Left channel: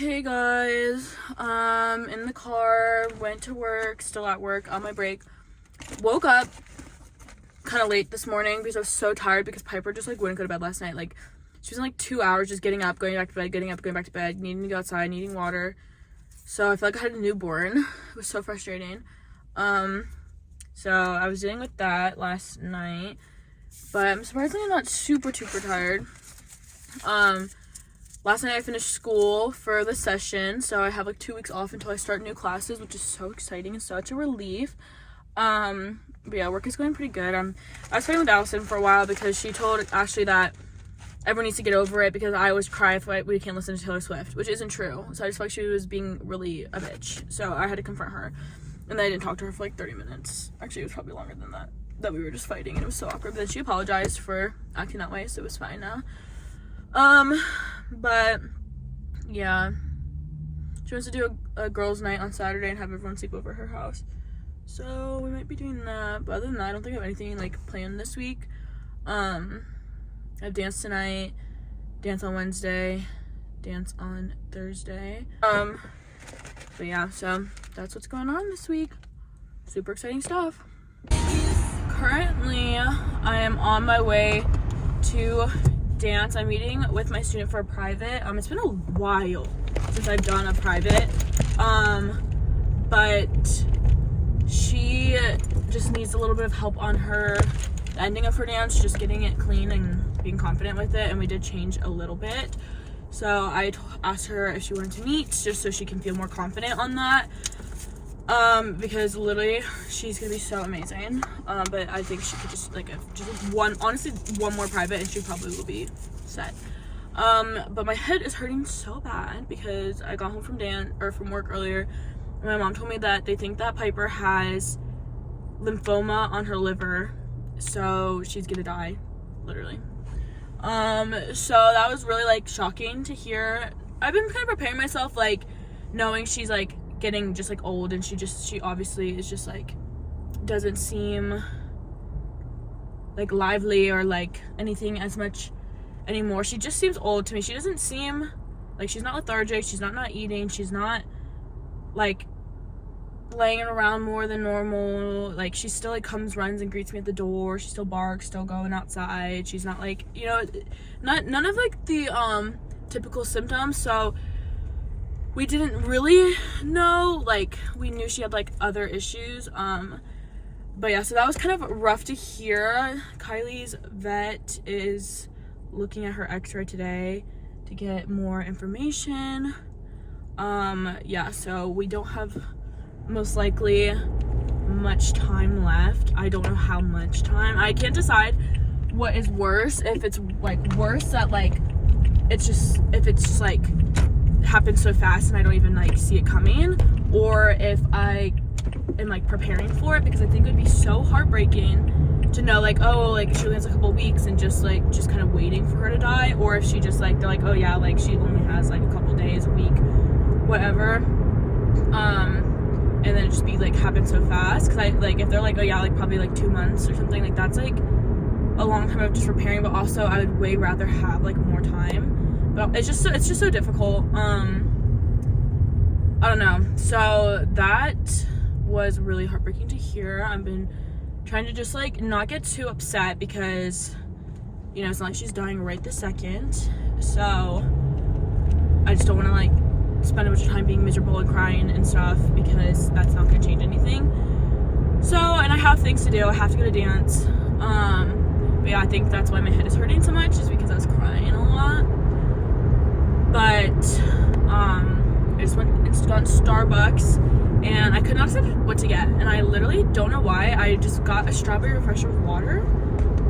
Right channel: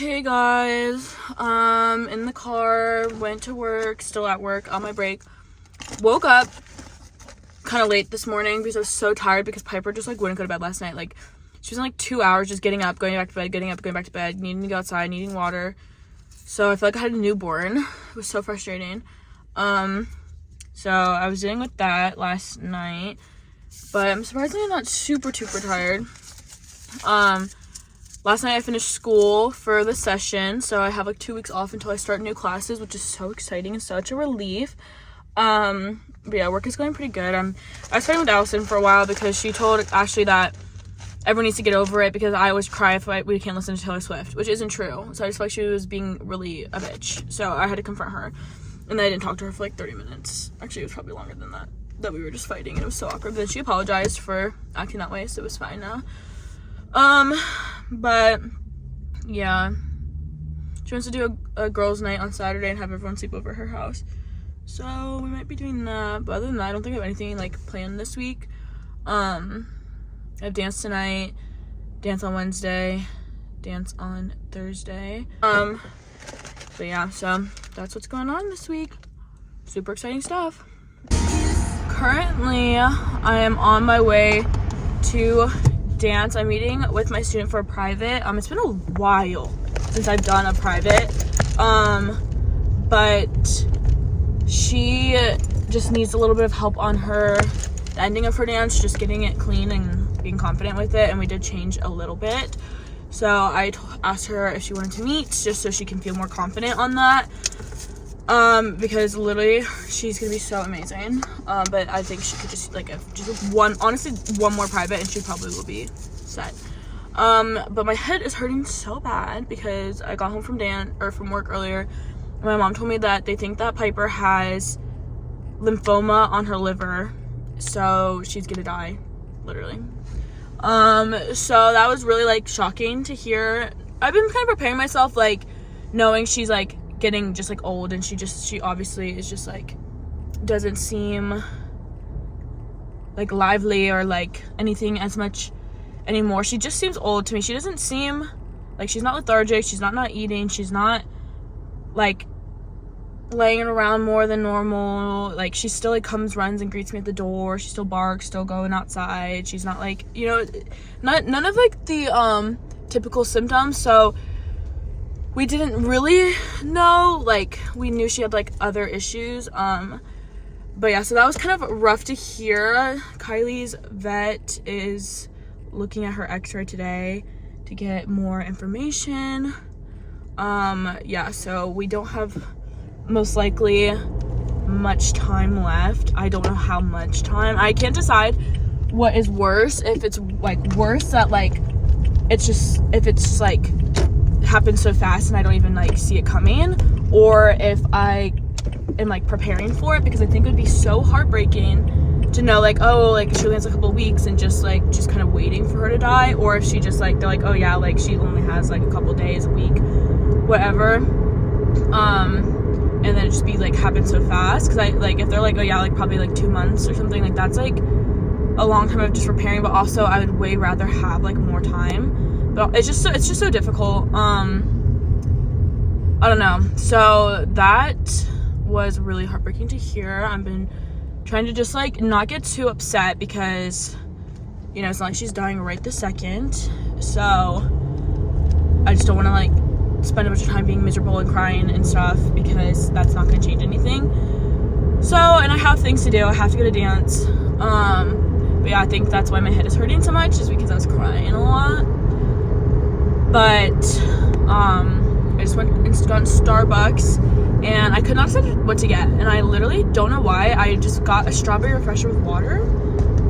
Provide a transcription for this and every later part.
Hey guys, in the car, went to work, still at work, on my break. Woke up kind of late this morning because I was so tired because Piper just wouldn't go to bed last night. She was in 2 hours just getting up, going back to bed, getting up, going back to bed, needing to go outside, needing water. So I feel like I had a newborn. It was so frustrating. So I was dealing with that last night, but I'm surprisingly not super tired. Last night I finished school for the session, so I have 2 weeks off until I start new classes, which is so exciting and such a relief. But yeah, work is going pretty good. I was fighting with Allison for a while because she told Ashley that everyone needs to get over it because I always cry if we can't listen to Taylor Swift, which isn't true. So I just felt like she was being really a bitch. So I had to confront her. And then I didn't talk to her for 30 minutes. Actually, it was probably longer than that we were just fighting. It was so awkward. But then she apologized for acting that way, so it was fine now. But yeah, she wants to do a girls' night on Saturday and have everyone sleep over her house. So we might be doing that. But other than that, I don't think I have anything planned this week. I have dance tonight, dance on Wednesday, dance on Thursday. But yeah, so that's what's going on this week. Super exciting stuff. Currently, I am on my way to dance. I'm meeting with my student for a private. It's been a while since I've done a private. But she just needs a little bit of help on the ending of her dance, just getting it clean and being confident with it, and we did change a little bit. So I asked her if she wanted to meet, just so she can feel more confident on that. Because literally she's gonna be so amazing. But I think she could just one more private and she probably will be set. But my head is hurting so bad because I got home from work earlier. My mom told me that they think that Piper has lymphoma on her liver, so she's gonna die, literally. So that was really shocking to hear. I've been kind of preparing myself, knowing she's getting just old, and she obviously is just doesn't seem lively or anything as much anymore. She just seems old to me. She doesn't seem she's not lethargic, she's not eating, she's not laying around more than normal. She still comes, runs and greets me at the door. She still barks, still going outside. She's not none of the typical symptoms. So we didn't really know, we knew she had other issues. But yeah, so that was kind of rough to hear. Kylie's vet is looking at her x-ray today to get more information. Yeah, so we don't have most likely much time left. I don't know how much time. I can't decide what is worse, if it's worse that if it's happens so fast and I don't even see it coming, or if I am preparing for it, because I think it would be so heartbreaking to know she only has a couple weeks and just kind of waiting for her to die, or if she just they're oh yeah, she only has a couple days, a week, whatever, and then it just be happen so fast, because if they're oh yeah, probably 2 months or something, that's a long time of just preparing. But also I would way rather have more time, but it's just so difficult. I don't know. So that was really heartbreaking to hear. I've been trying to just not get too upset, because it's not like she's dying right this second, so I just don't want to spend a bunch of time being miserable and crying and stuff, because that's not going to change anything. So, and I have things to do. I have to go to dance. But yeah, I think that's why my head is hurting so much, is because I was crying a lot. But I just went and got Starbucks, and I could not decide what to get, and I literally don't know why. I just got a strawberry refresher with water,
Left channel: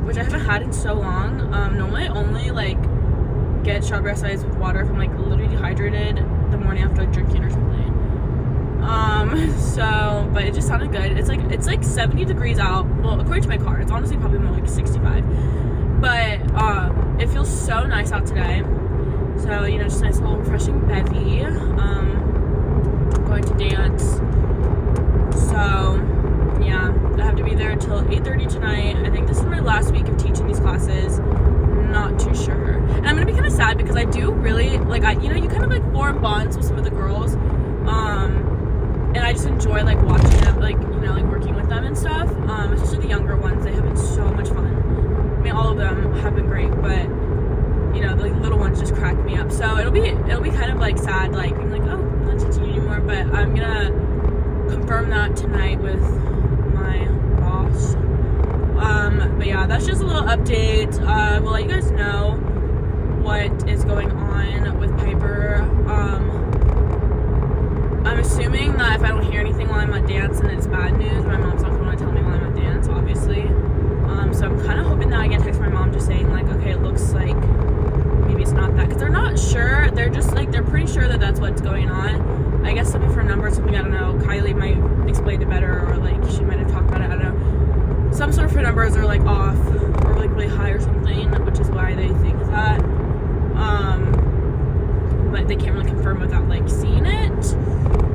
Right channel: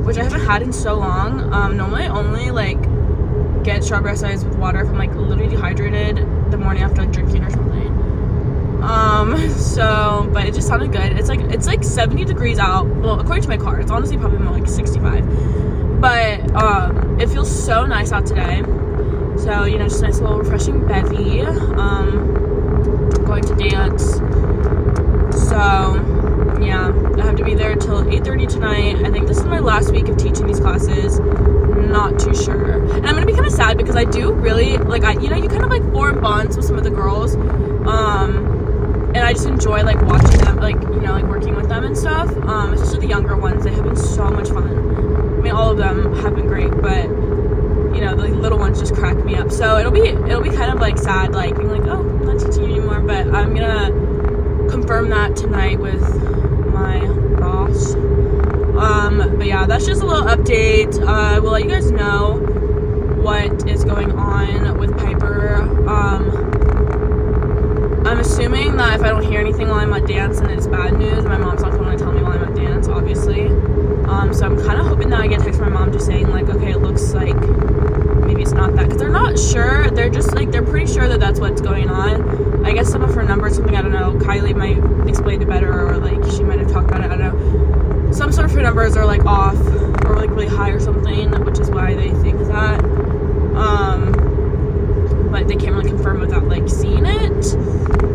which I haven't had in so long. Normally I only get strawberry acai with water if I'm literally dehydrated the morning after drinking or something. So, but it just sounded good. It's 70 degrees out. Well, according to my car, it's honestly probably more 65. But it feels so nice out today. So, just a nice little refreshing bevy. Going to dance. So yeah, I have to be there till 8:30 tonight. I think this is my last week of teaching these classes. Not too sure. And I'm gonna be kind of sad sad because I do really, like, you kind of, like, form bonds with some of the girls, and I just enjoy, like, watching them, like, like, working with them and stuff, especially the younger ones. They have been so much fun. I mean, all of them have been great, but, the little ones just crack me up. So it'll be kind of, like, sad, like, being like, oh, I'm not teaching you anymore, but I'm gonna confirm that tonight with my boss. But yeah, that's just a little update. I will let you guys know what is going on with Piper. I'm assuming that if I don't hear anything while I'm at dance and it's bad news, my mom's not going to tell me while I'm at dance, obviously. So I'm kind of hoping that I get a text from my mom just saying, like, okay, it looks like maybe it's not that, because they're not sure. They're just, like, they're pretty sure that that's what's going on. I guess some of her numbers, something, I don't know, Kylie might explain it better, or, like, she might have talked about it, I don't know. Some sort of her numbers are, like, off, or, like, really high or something, which is why they think that. But they can't really confirm without, like, seeing it.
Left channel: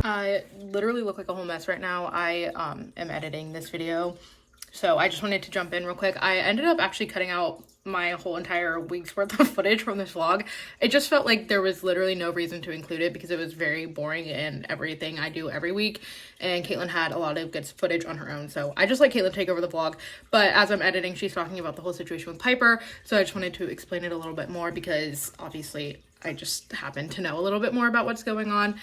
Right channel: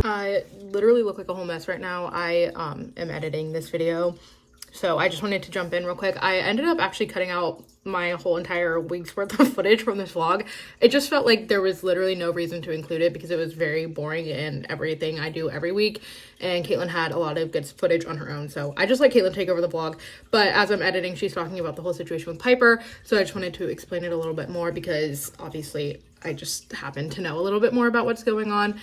I literally look like a whole mess right now. I am editing this video, so I just wanted to jump in real quick. I ended up actually cutting out my whole entire week's worth of footage from this vlog. It just felt like there was literally no reason to include it because it was very boring and everything I do every week, and Katelyn had a lot of good footage on her own, so I just let Katelyn take over the vlog. But as I'm editing, she's talking about the whole situation with Piper, so I just wanted to explain it a little bit more because obviously I just happen to know a little bit more about what's going on.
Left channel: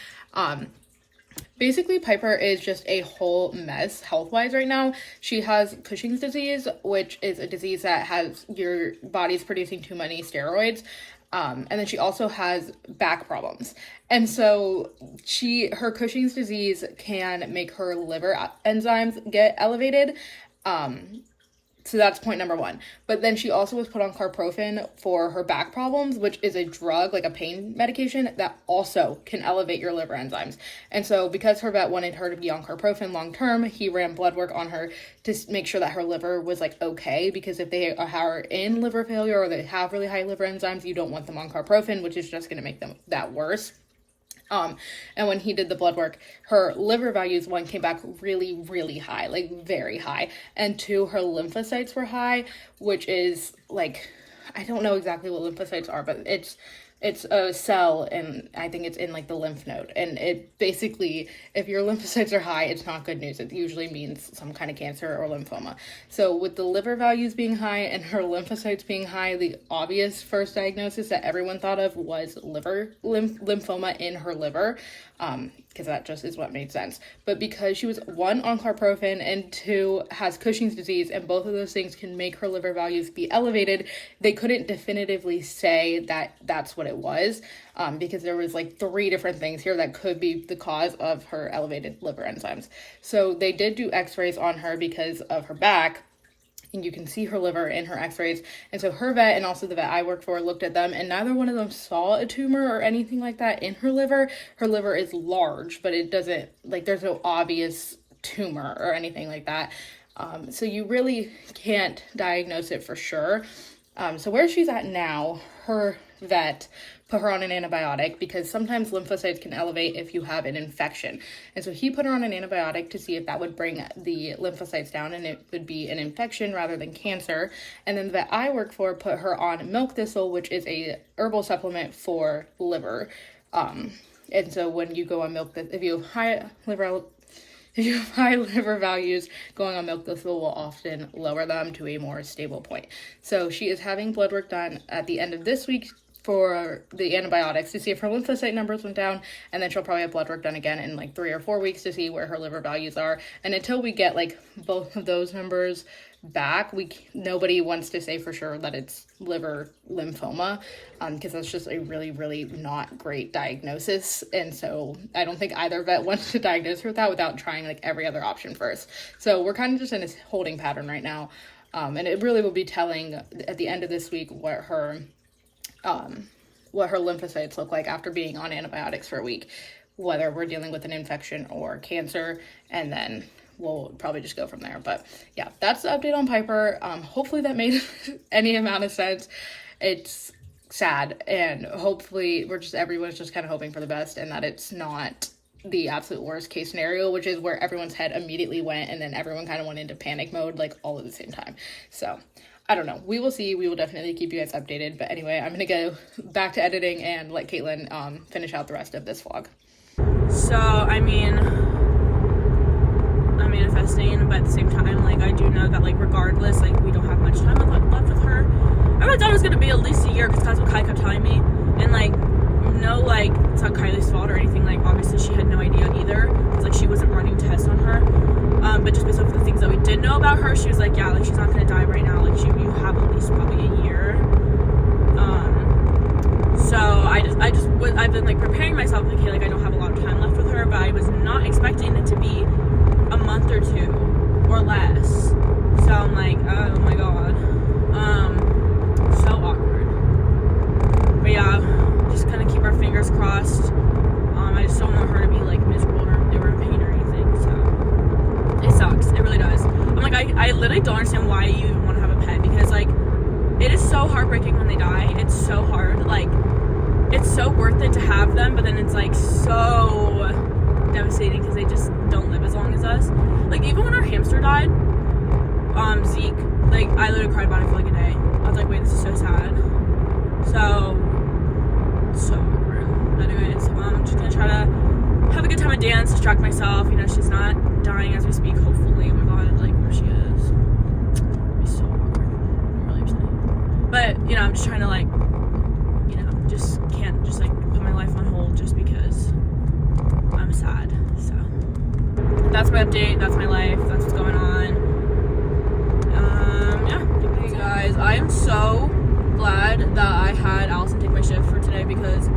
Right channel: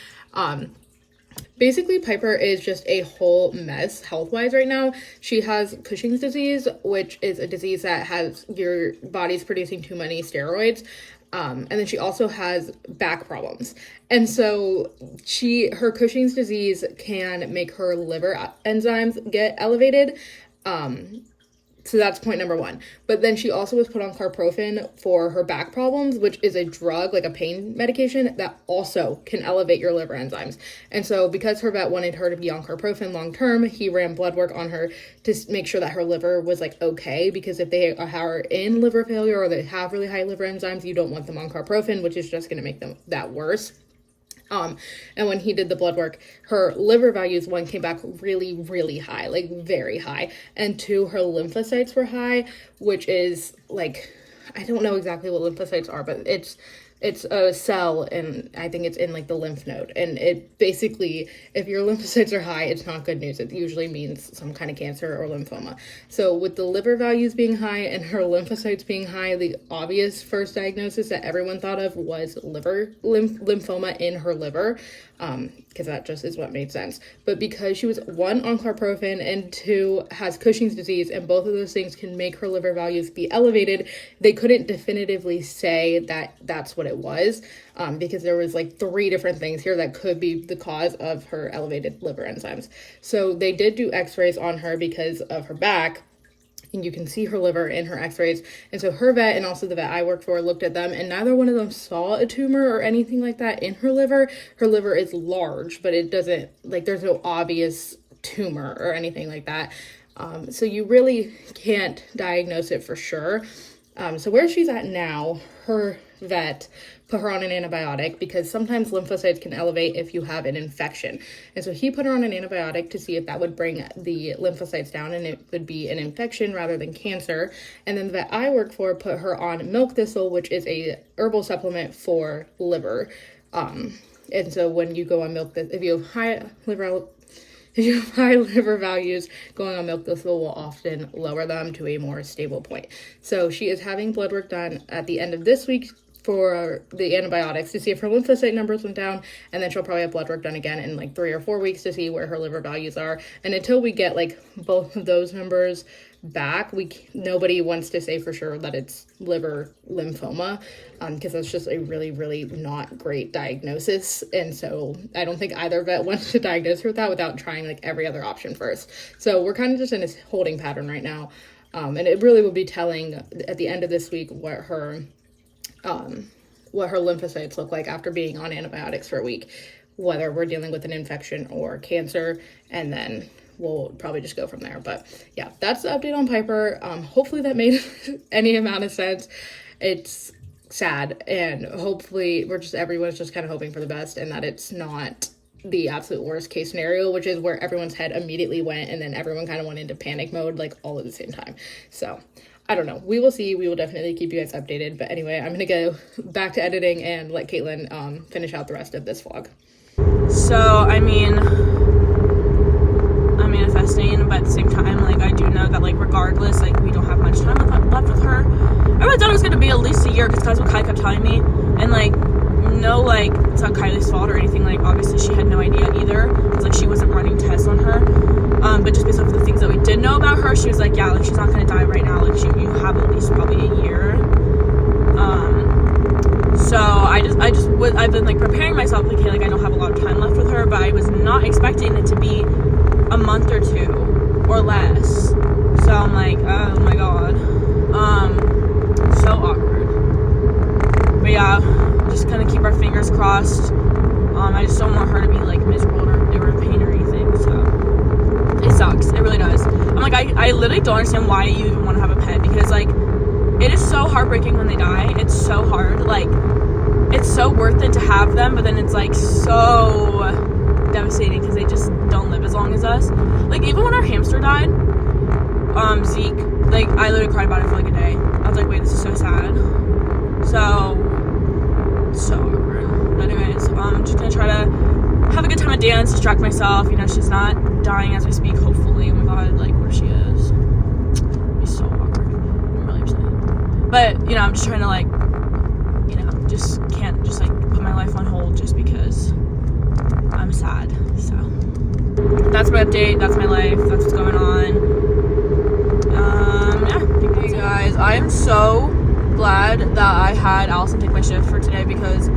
Basically, Piper is just a whole mess health-wise right now. She has Cushing's disease, which is a disease that has your body's producing too many steroids. And then she also has back problems. And so her Cushing's disease can make her liver enzymes get elevated. So that's point number one. But then she also was put on carprofen for her back problems, which is a drug, like a pain medication, that also can elevate your liver enzymes. And so because her vet wanted her to be on carprofen long term, he ran blood work on her to make sure that her liver was, like, okay. Because if they are in liver failure or they have really high liver enzymes, you don't want them on carprofen, which is just going to make them that worse. And when he did the blood work, her liver values, one, came back really, really high, like very high. And two, her lymphocytes were high, which is, like, I don't know exactly what lymphocytes are, but it's a cell, and I think it's in, like, the lymph node. And it basically, if your lymphocytes are high, it's not good news. It usually means some kind of cancer or lymphoma. So with the liver values being high and her lymphocytes being high, the obvious first diagnosis that everyone thought of was lymphoma in her liver, because that just is what made sense. But because she was, one, on carprofen, and two, has Cushing's disease, and both of those things can make her liver values be elevated, they couldn't definitively say that that's what it was, because there was, like, 3 different things here that could be the cause of her elevated liver enzymes. So they did do x-rays on her because of her back, and you can see her liver in her x-rays. And so her vet and also the vet I worked for looked at them, and neither one of them saw a tumor or anything like that in her liver. Her liver is large, but it doesn't, like, there's no obvious tumor or anything like that. So you really can't diagnose it for sure. So where she's at now, her vet put her on an antibiotic because sometimes lymphocytes can elevate if you have an infection. And so he put her on an antibiotic to see if that would bring the lymphocytes down and it would be an infection rather than cancer. And then the vet I work for put her on milk thistle, which is a herbal supplement for liver. And so when you go on milk thistle, if you have high liver values, going on milk thistle will often lower them to a more stable point. So she is having blood work done at the end of this week for the antibiotics to see if her lymphocyte numbers went down, and then she'll probably have blood work done again in, like, 3 or 4 weeks to see where her liver values are. And until we get, like, both of those numbers back, nobody wants to say for sure that it's liver lymphoma, because that's just a really, really not great diagnosis. And so I don't think either vet wants to diagnose her with that without trying, like, every other option first. So we're kind of just in this holding pattern right now, and it really will be telling at the end of this week what her lymphocytes look like after being on antibiotics for a week, whether we're dealing with an infection or cancer, and then we'll probably just go from there. But yeah, that's the update on Piper. Hopefully that made any amount of sense. It's sad, and hopefully everyone's just kind of hoping for the best and that it's not the absolute worst case scenario, which is where everyone's head immediately went and then everyone kind of went into panic mode, like, all at the same time. So I don't know. We will see. We will definitely keep you guys updated. But anyway, I'm gonna go back to editing and let Katelyn finish out the rest of this vlog. So, I mean, I'm manifesting, but at the same time, like, I do know that, like, regardless, like, we don't have much time left with her. I really thought it was gonna be at least a year, because that's what Kai kept telling me. And, like, no, like, it's not Kylie's fault or anything. Like, obviously she had no idea either, because, like, she wasn't running tests on her. But just based off of the things that we did know about her, she was like, yeah, like, she's not gonna die right now. Like, you have at least probably a year. So I've been, like, preparing myself, like, hey, like, I don't have a lot of time left with her, but I was not expecting it to be a month or two or less. So I'm like, oh my god. So awkward. But yeah, just gonna keep our fingers crossed. I just don't want her to be, like, miserable or in pain or anything, so it sucks. It really does. I'm like, I literally don't understand why you even want to have a pet, because, like, it is so heartbreaking when they die. It's so hard. Like, it's so worth it to have them, but then it's, like, so devastating because they just don't live as long as us. Like, even when our hamster died, Zeke, like, I literally cried about it for, like, a day. I was like, wait, this is so sad. So awkward. But anyways, I'm just gonna try to have a good time at dance, distract myself. You know, she's not dying as we speak, hopefully. Oh my god, like, where she is. It'd be so awkward. I'm really upset. But, you know, I'm just trying to, like, you know, just can't just, like, put my life on hold just because I'm sad. So that's my update, that's my life, that's what's going on. Yeah. Hey guys, I am so glad that I had Allison take my shift for today, because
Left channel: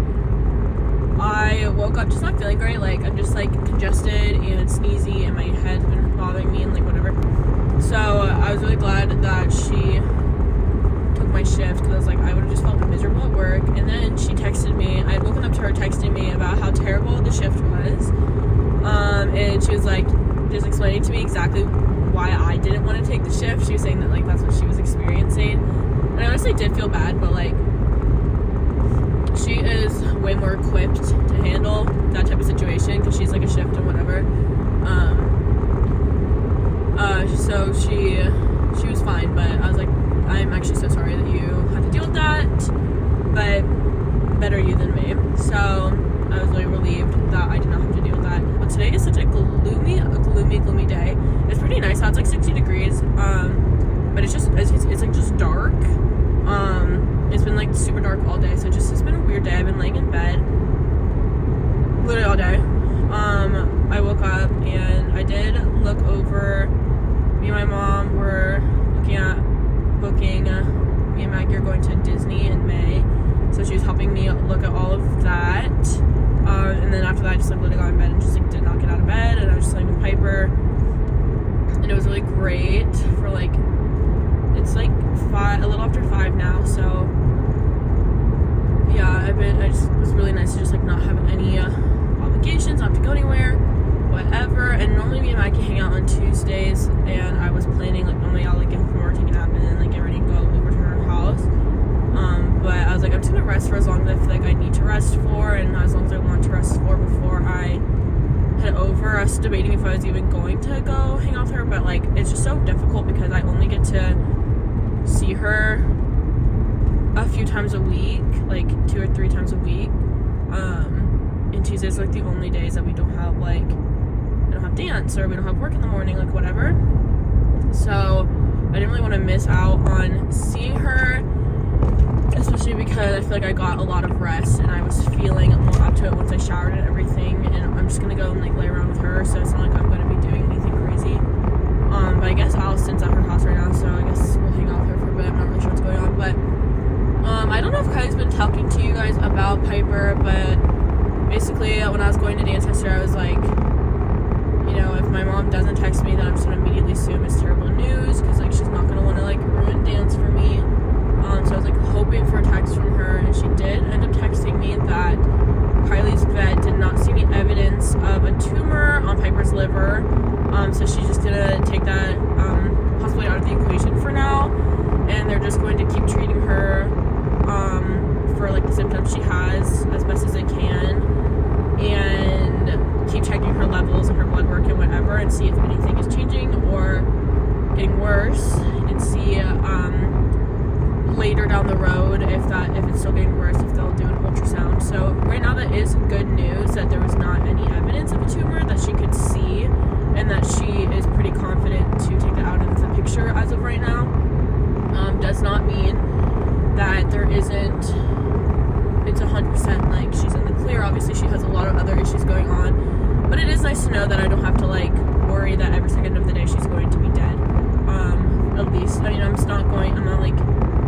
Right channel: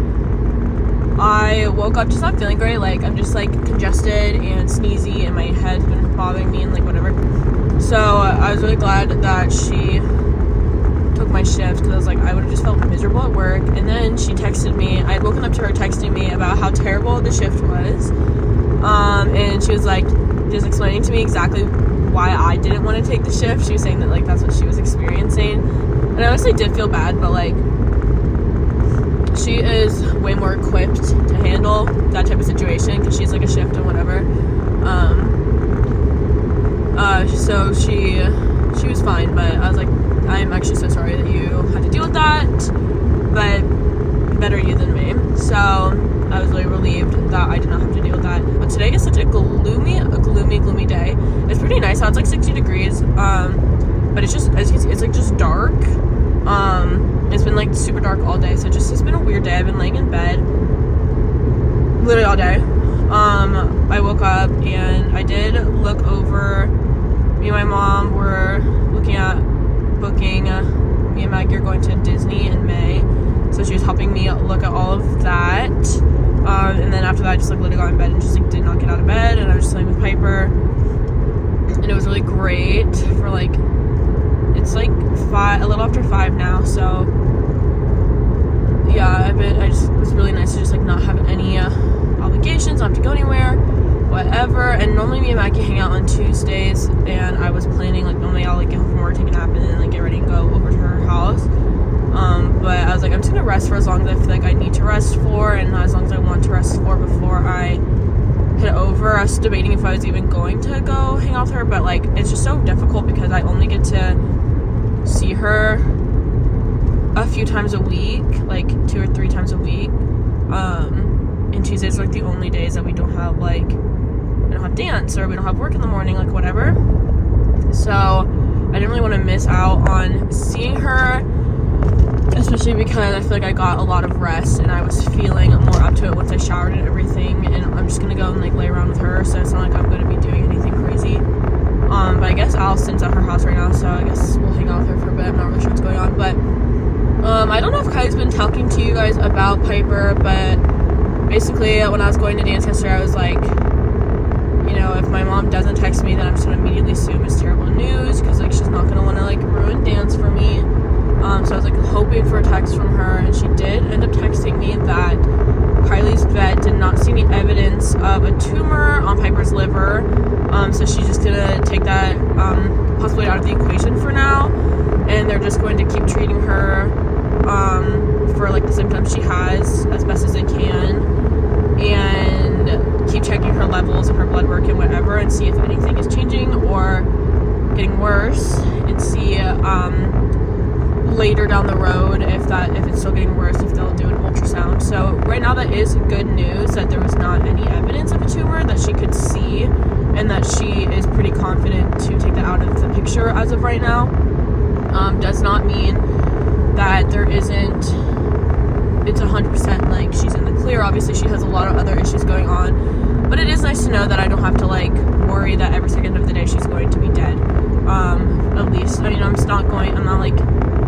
I woke up just not feeling great. Like, I'm just, like, congested and sneezy, and my head's been bothering me and, like, whatever. So I was really glad that she took my shift, because I was like, I would have just felt miserable at work. And then she texted me. I had woken up to her texting me about how terrible the shift was, and she was like just explaining to me exactly why I didn't want to take the shift. She was saying that, like, that's what she was experiencing, and I honestly did feel bad, but, like, she is way more equipped to handle that type of situation because she's, like, a shift and whatever. So she was fine, but I was like, I'm actually so sorry that you had to deal with that, but better you than me. So I was really relieved that I did not have to deal with that. But today is such a gloomy day. It's pretty nice out. It's like 60 degrees, but it's just, it's like just dark. It's been, like, super dark all day, so it's been a weird day. I've been laying in bed literally all day. I woke up and I did look over. Me and my mom were looking at booking. Me and Maggie are going to Disney in May, so she was helping me look at all of that. And then after that, I just, like, literally got in bed and just, like, did not get out of bed, and I was just playing with Piper, and it was really great for, like, it's like a little after 5 now, so yeah, it was really nice to just, like, not have any obligations, not have to go anywhere, whatever. And normally me and Maggie hang out on Tuesdays, and I was planning, like, normally I'll, like, get home from work, take a nap, and then, like, get ready and go over to her house. But I was like, I'm just gonna rest for as long as I feel like I need to rest for, and as long as I want to rest for before I head over. I was debating if I was even going to go hang out with her, but, like, it's just so difficult because I only get to see her a few times a week, like 2 or 3 times a week. And Tuesdays are, like, the only days that we don't have, like, we don't have dance or we don't have work in the morning, like, whatever. So I didn't really want to miss out on seeing her, especially because I feel like I got a lot of rest and I was feeling more up to it once I showered and everything. And I'm just gonna go and, like, lay around with her, so it's not like I'm gonna be doing anything crazy. But I guess Allison's at her house right now, so I guess we'll hang out with her for a bit. I'm not really sure what's going on, but I don't know if Kylie's been talking to you guys about Piper, but basically when I was going to dance yesterday, I was like, you know, if my mom doesn't text me, then I'm just gonna immediately assume it's terrible news, because, like, she's not gonna want to, like, ruin dance for me. So I was, like, hoping for a text from her, and she did end up texting me that Kylie's vet did not see any evidence of a tumor on Piper's liver, so she's just gonna take that possibly out of the equation for now, and they're just going to keep treating her for, like, the symptoms she has as best as they can, and keep checking her levels of her blood work and whatever, and see if anything is changing or getting worse, and see later down the road if it's still getting worse, if they'll do an ultrasound. So right now that is good news that there was not any evidence of a tumor that she could see, and that she is pretty confident to take that out of the picture as of right now. Does not mean that there isn't, it's 100% like she's in the clear. Obviously she has a lot of other issues going on, but it is nice to know that I don't have to like worry that every second of the day she's going to be dead. At least, I mean, I'm not like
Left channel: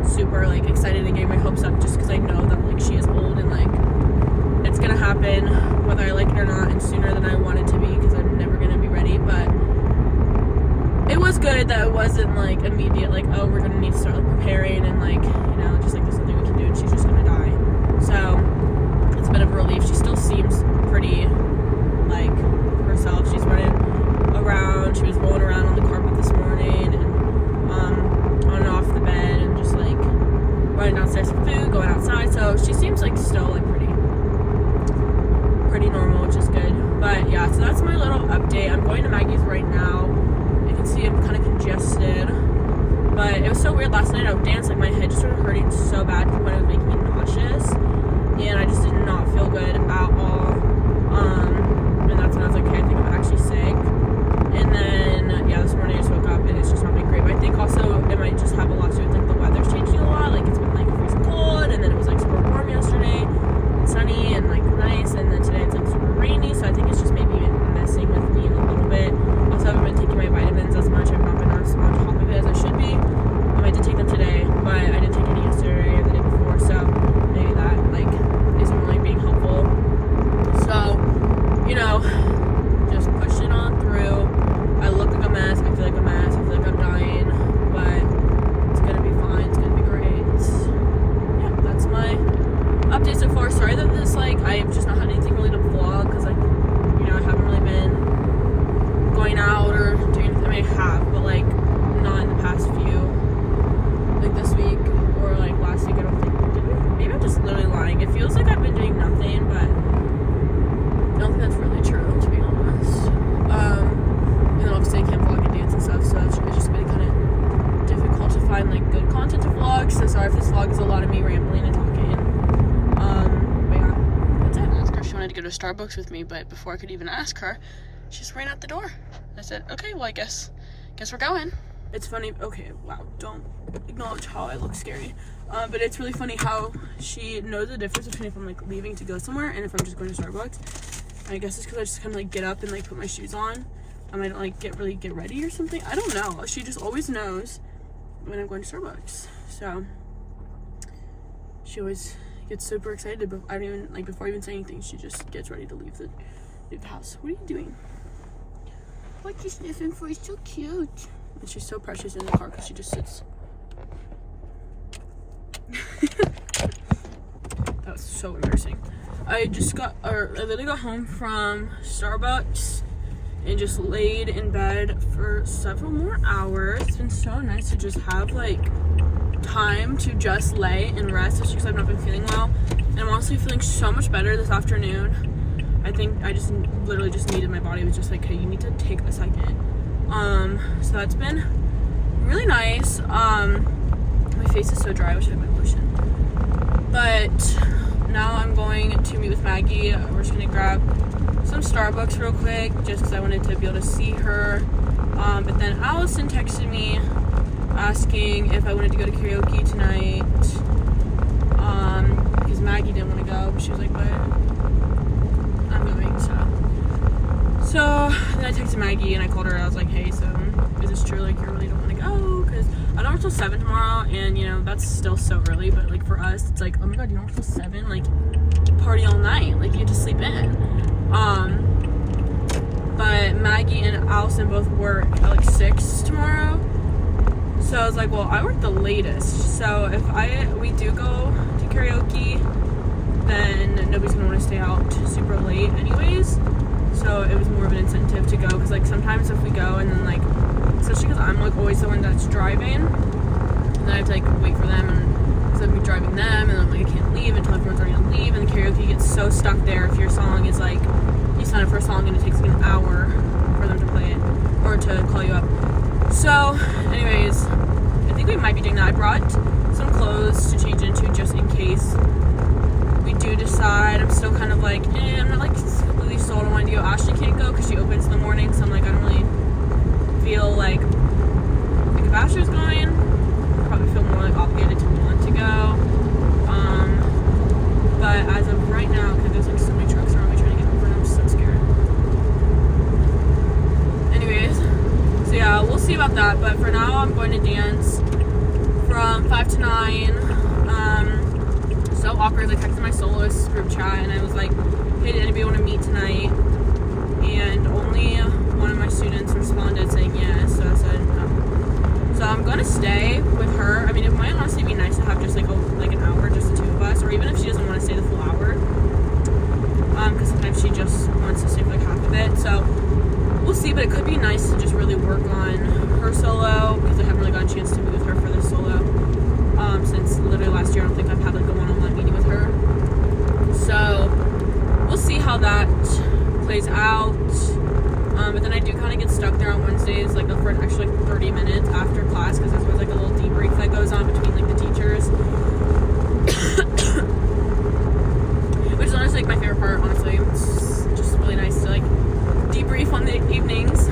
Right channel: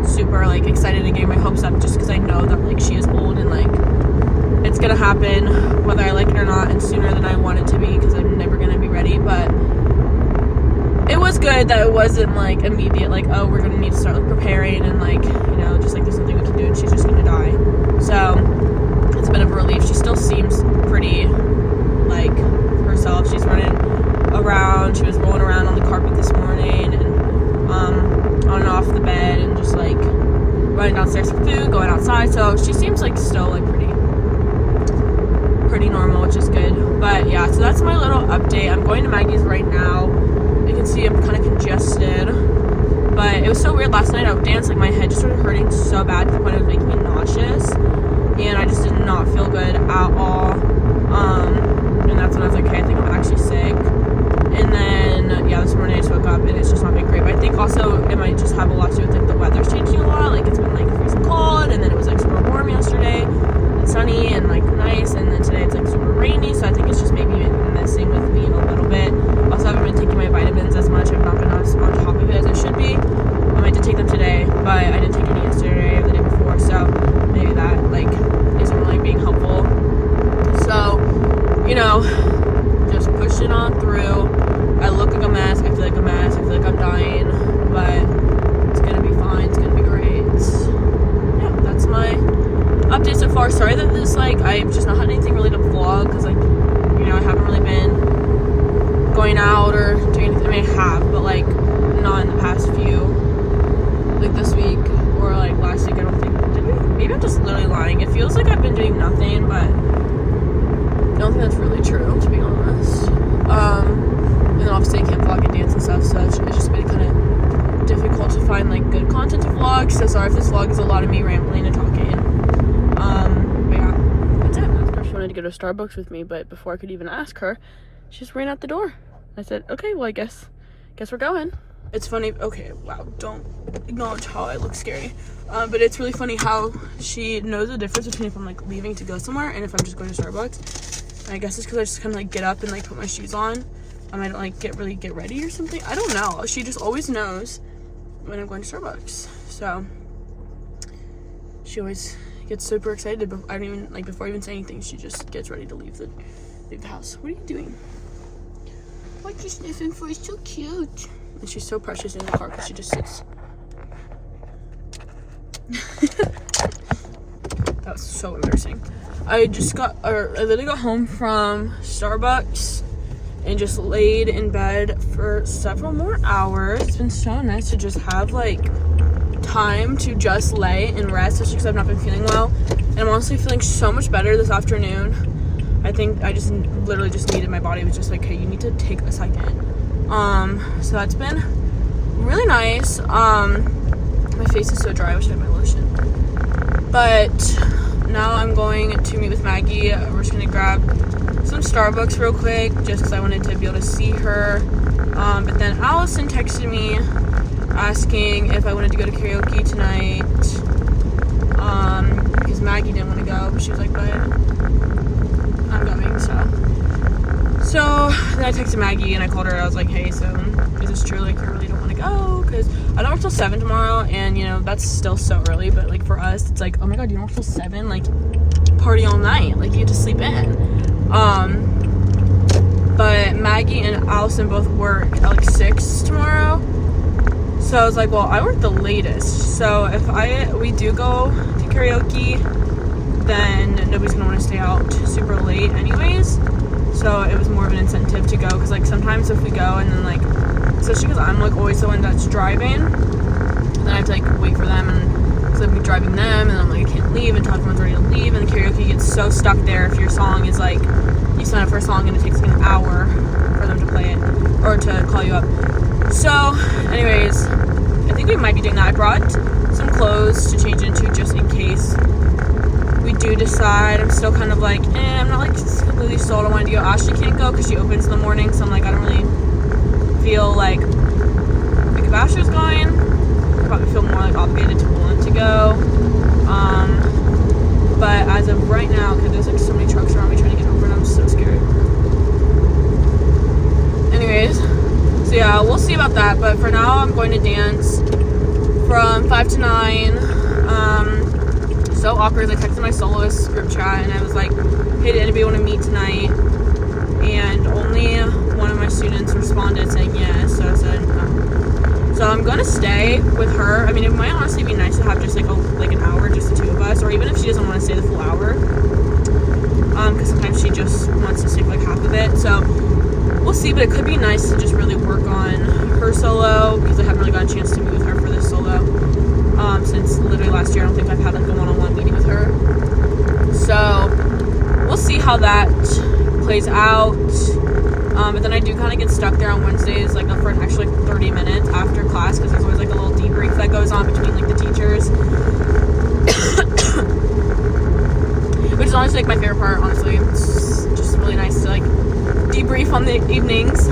super like excited and getting my hopes up just because I know that like she is old and like it's gonna happen whether I like it or not, and sooner than I want it to be, because I'm never gonna be ready. But it was good that it wasn't like immediate, like, oh, we're gonna need to start like preparing and like, you know, just like there's nothing we can do and she's just gonna die. So it's a bit of a relief. She still seems pretty like herself. She's running around, she was rolling around on the carpet this morning, and on and off the bed, and just like running downstairs for food, going outside. So she seems like still like pretty normal, which is good. But yeah, so that's my little update. I'm going to Maggie's right now. You can see I'm kind of congested, but it was so weird last night. I would dance, like my head just started hurting so bad to the point it was making me nauseous, and I just did not feel good at all. And that's when I was like, okay, I think I'm actually sick. And then yeah, this morning I just woke up and it's just not been great. But I think also it might just have a lot to do with like the weather's changing a lot. Like it's been like freezing cold, and then it was like super warm yesterday and sunny and like nice, and then today it's like super rainy. So I think it's just maybe messing with me a little bit. Also, I haven't been taking my vitamins as much. I've not been on top of it as I should be. I did take them today, but I didn't take any yesterday or the day before. So maybe that like isn't really being helpful. So, you know, just pushing on through. I look like a mess. I feel like a mess. I feel like I'm dying, but it's gonna be fine. It's gonna be great. Yeah, that's my update so far. Sorry that this like I've just not had anything really to vlog, because like, you know, I haven't really been going out or doing anything. I mean, I have, but like not in the past few, like this week or like last week. I don't think. Did we? Maybe I'm just literally lying. It feels like I've been doing nothing, but I don't think that's really true, to be honest. And then obviously I can't vlog and dance and stuff, so it's just been kind of difficult to find like good content to vlog. So sorry if this vlog is a lot of me rambling and talking. But yeah, that's it. I asked her if she wanted to go to Starbucks with me, but before I could even ask her, she just ran out the door. I said, okay, well I guess we're going. It's funny. Okay, wow, don't acknowledge how I look scary. But it's really funny how she knows the difference between if I'm like leaving to go somewhere and if I'm just going to Starbucks. And I guess it's because I just kind of like get up and like put my shoes on. I might like get ready or something. I don't know. She just always knows when I'm going to Starbucks. So she always gets super excited. But I don't even like before I even say anything. She just gets ready to leave the house. What are you doing? What you sniffing for? It's so cute. And she's so precious in the car because she just sits. That was so embarrassing. I literally got home from Starbucks and just laid in bed for several more hours. It's been so nice to just have like time to just lay and rest, especially because I've not been feeling well. And I'm honestly feeling so much better this afternoon. I think I just literally just needed, my body was just like, hey, you need to take a second. So that's been really nice. My face is so dry. I wish I had my lotion. But now I'm going to meet with Maggie. We're just gonna grab some Starbucks real quick, just because I wanted to be able to see her. But then Allison texted me asking if I wanted to go to karaoke tonight. Because Maggie didn't want to go, but she was like, but I'm going, so then I texted Maggie and I called her. I was like, hey, so is this true? Like, I really don't want to go because I don't work till 7 tomorrow, and you know that's still so early. But like for us, it's like, oh my god, you don't work till 7? Like, party all night. Like, you have to sleep in. But Maggie and Allison both work at like 6 tomorrow. So I was like, well, I work the latest. So if we do go to karaoke, then nobody's gonna want to stay out super late anyways. So it was more of an incentive to go, because like sometimes if we go and then like, especially because I'm like always the one that's driving, and then I have to like wait for them, and so I'll be driving them, and I'm like, I can't leave until everyone's ready to leave, and the karaoke gets so stuck there if your song is like, you sign up for a song and it takes like an hour for them to play it or to call you up. So anyways, I think we might be doing that. I brought some clothes to change into just in case we do decide. I'm still kind of like, I'm not like completely sold on wanting to go. Ashley can't go because she opens in the morning, so I'm like, I don't really feel like if Ashley's going, I probably feel more like obligated to want to go. But as of right now, because there's like so many trucks around me trying to get over, and I'm so scared. Anyways, so yeah, we'll see about that. But for now, I'm going to dance from 5 to 9. So awkward. I texted my soloist group chat and I was like, hey, did anybody want to meet tonight? And only one of my students responded saying yes. So I said no. So I'm gonna stay with her. I mean, it might honestly be nice to have just like an hour, just the two of us, or even if she doesn't want to stay the full hour, because sometimes she just wants to stay for like half of it. So we'll see, but it could be nice to just really work on her solo, because I haven't really gotten a chance to meet with her for this solo since literally last year. I don't think I've had like a one-on-one meeting with her. So we'll see how that plays out. But then I do kind of get stuck there on Wednesdays, like for an extra like 30 minutes after class, because there's always like a little debrief that goes on between like the teachers, which is honestly like my favorite part. Honestly, it's just really nice to like debrief on the evenings.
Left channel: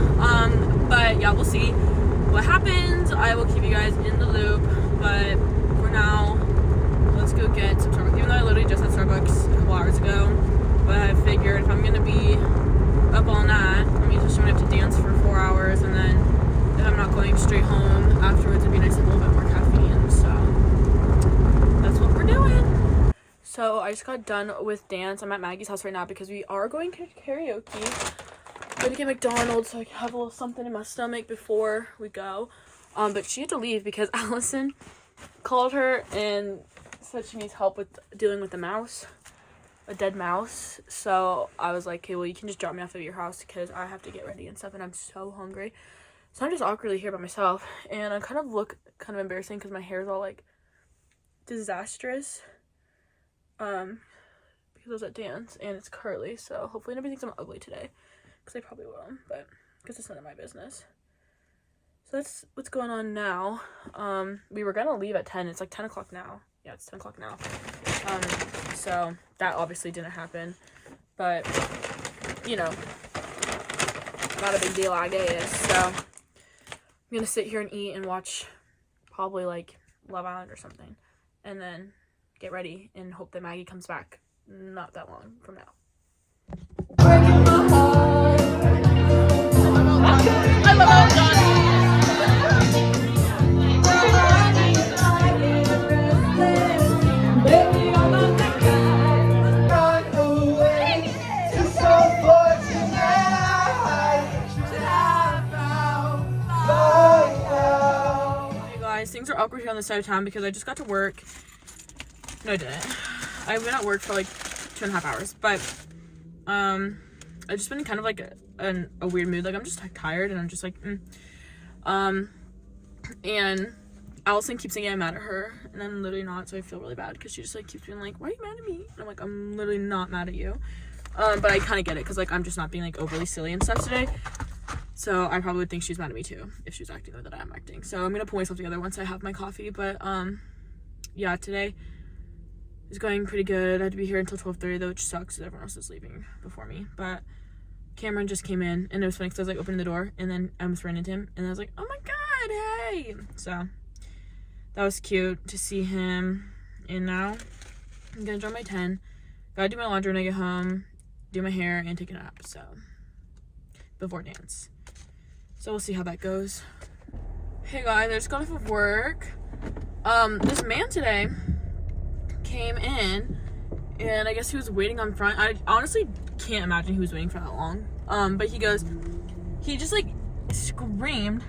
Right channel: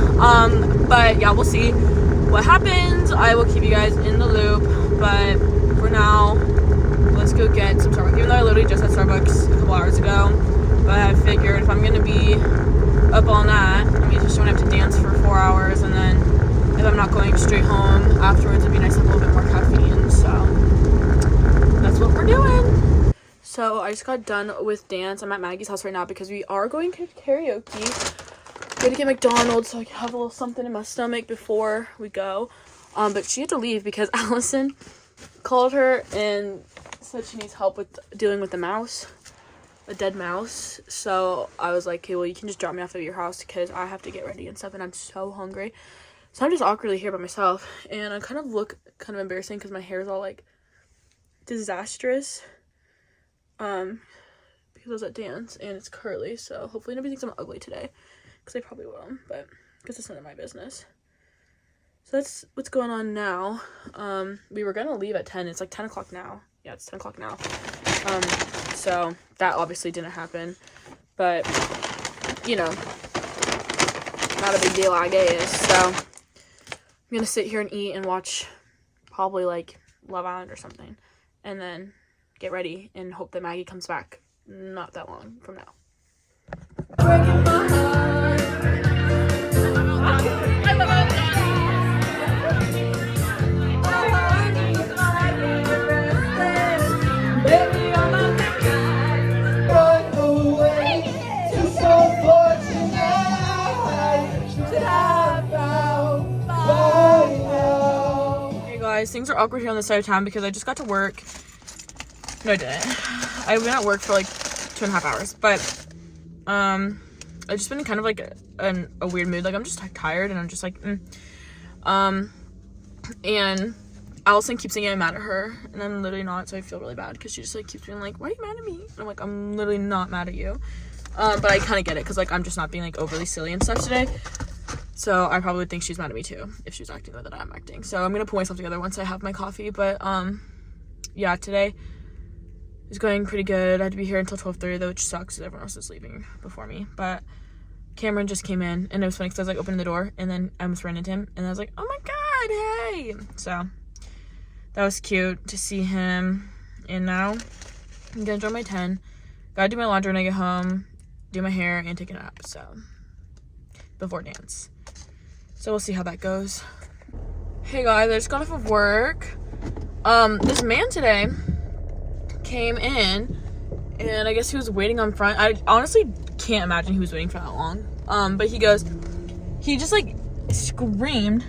But yeah, we'll see what happens. I will keep you guys in the loop. But for now, let's go get some Starbucks. Even though I literally just had Starbucks a couple hours ago, but I figured if I'm gonna be up all night, I mean, just don't have to dance for 4 hours, and then if I'm not going straight home afterwards, it'd be nice to have a little bit more caffeine. So that's what we're doing. So I just got done with dance. I'm at Maggie's house right now because we are going to karaoke. Going to get McDonald's so I can have a little something in my stomach before we go. But she had to leave because Allison called her and said she needs help with dealing with the mouse, a dead mouse. So I was like, okay, well, you can just drop me off at your house because I have to get ready and stuff, and I'm so hungry. So I'm just awkwardly here by myself, and I kind of look kind of embarrassing because my hair is all like disastrous. Because I was at dance and it's curly, so hopefully nobody thinks I'm ugly today, because they probably will, but because it's none of my business. So that's what's going on now. We were gonna leave at 10. It's like 10 o'clock now. Yeah, it's 10 o'clock now. So that obviously didn't happen, but you know, not a big deal, I guess. So I'm gonna sit here and eat and watch probably like Love Island or something, and then get ready and hope that Maggie comes back not that long from now. Things are awkward here on this side of town because I just got to work. No, I didn't. I've been at work for like 2.5 hours, but I've just been in kind of like a weird mood. Like I'm just like tired, and I'm just like and Allison keeps saying I'm mad at her, and I'm literally not. So I feel really bad because she just like keeps being like, why are you mad at me? And I'm like, I'm literally not mad at you. But I kind of get it because like I'm just not being like overly silly and stuff today. So I probably would think she's mad at me too if she was acting the way that I'm acting. So I'm gonna pull myself together once I have my coffee. But yeah, today is going pretty good. I had to be here until 12:30 though, which sucks because everyone else is leaving before me. But Cameron just came in, and it was funny because I was like opening the door, and then I almost ran into him, and I was like, oh my god, hey. So that was cute to see him. And now I'm gonna draw my 10. Gotta do my laundry when I get home, do my hair, and take a nap. So before dance. So we'll see how that goes. Hey guys, I just got off of work. This man today came in, and I guess he was waiting on front. I honestly can't imagine he was waiting for that long. But he just like screamed,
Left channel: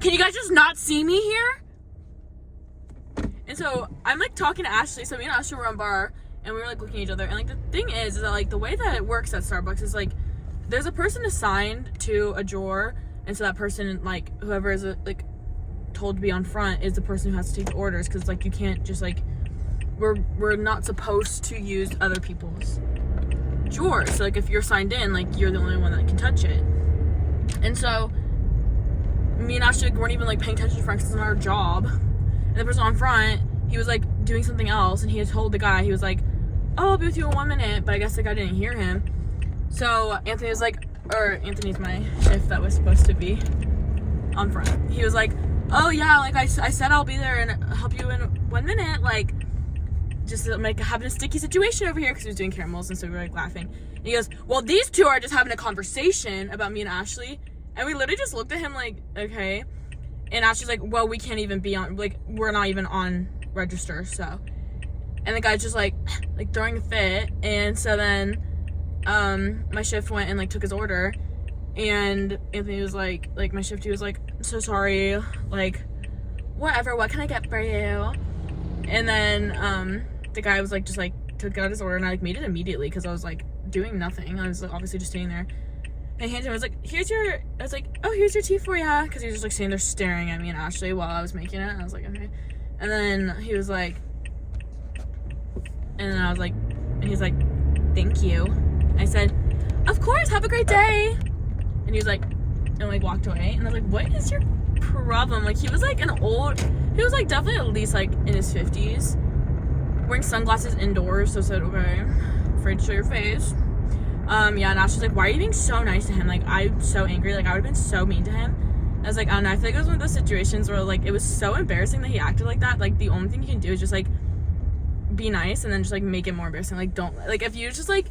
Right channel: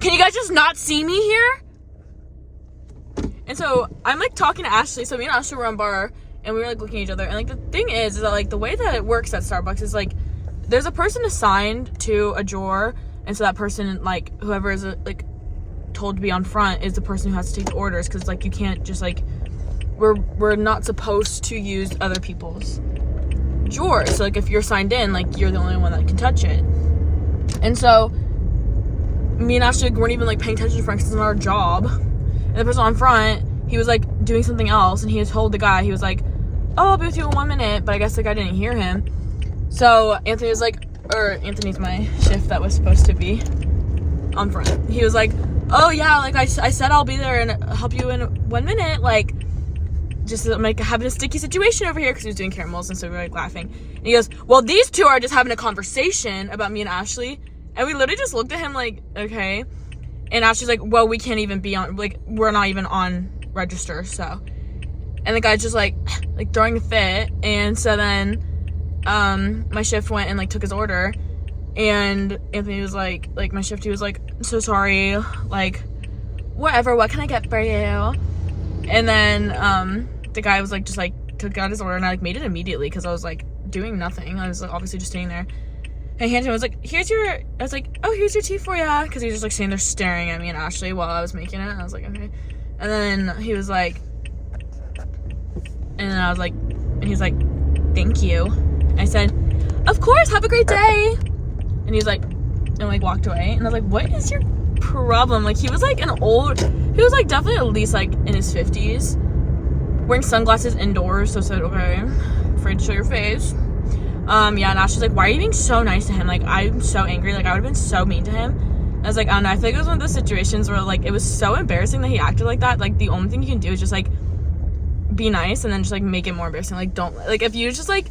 can you guys just not see me here? And so I'm like talking to Ashley. So me and Ashley were on bar, and we were like looking at each other. And like the thing is that like the way that it works at Starbucks is like there's a person assigned to a drawer. And so that person, like, whoever is, like, told to be on front is the person who has to take the orders. Because, like, you can't just, like, we're not supposed to use other people's drawers. So, like, if you're signed in, like, you're the only one that can touch it. And so, me and Ashley weren't even, like, paying attention to front because it's not our job. And the person on front he was like doing something else, and he had told the guy, he was like, oh, I'll be with you in 1 minute, but I guess the guy didn't hear him. So Anthony was like, or Anthony's my shift that was supposed to be on front. He was like, oh yeah, like I said I'll be there and help you in 1 minute, like just like having a sticky situation over here, because he was doing caramels, and so we were like laughing. And he goes, well, these two are just having a conversation about me and Ashley. And we literally just looked at him like, okay. And Ashley's like, well, we can't even be on, like, we're not even on register, so. And the guy's just like throwing a fit. And so then my shift went and like took his order, and Anthony was like my shifty was like, I'm so sorry, like whatever, what can I get for you? And then the guy was like, just like took out his order, and I like made it immediately because I was like doing nothing. I was like obviously just sitting there, and Anthony was like, I was like, oh, here's your tea for ya, because he was just like standing there staring at me and Ashley while I was making it. And I was like, okay. And then he was like, and then I was like, and he's like, thank you. I said, of course, have a great day. And he's like, and like walked away. And I was like, what is your problem? Like, he was like he was like definitely at least like in his 50s, wearing sunglasses indoors. So I said, okay, afraid to show your face. Yeah, and Ashley's like, why are you being so nice to him? Like, I'm so angry. Like, I would have been so mean to him. I was like, I don't know. I feel like it was one of those situations where like it was so embarrassing that he acted like that. Like, the only thing you can do is just like be nice, and then just like make it more embarrassing. Like, don't, like, if you just like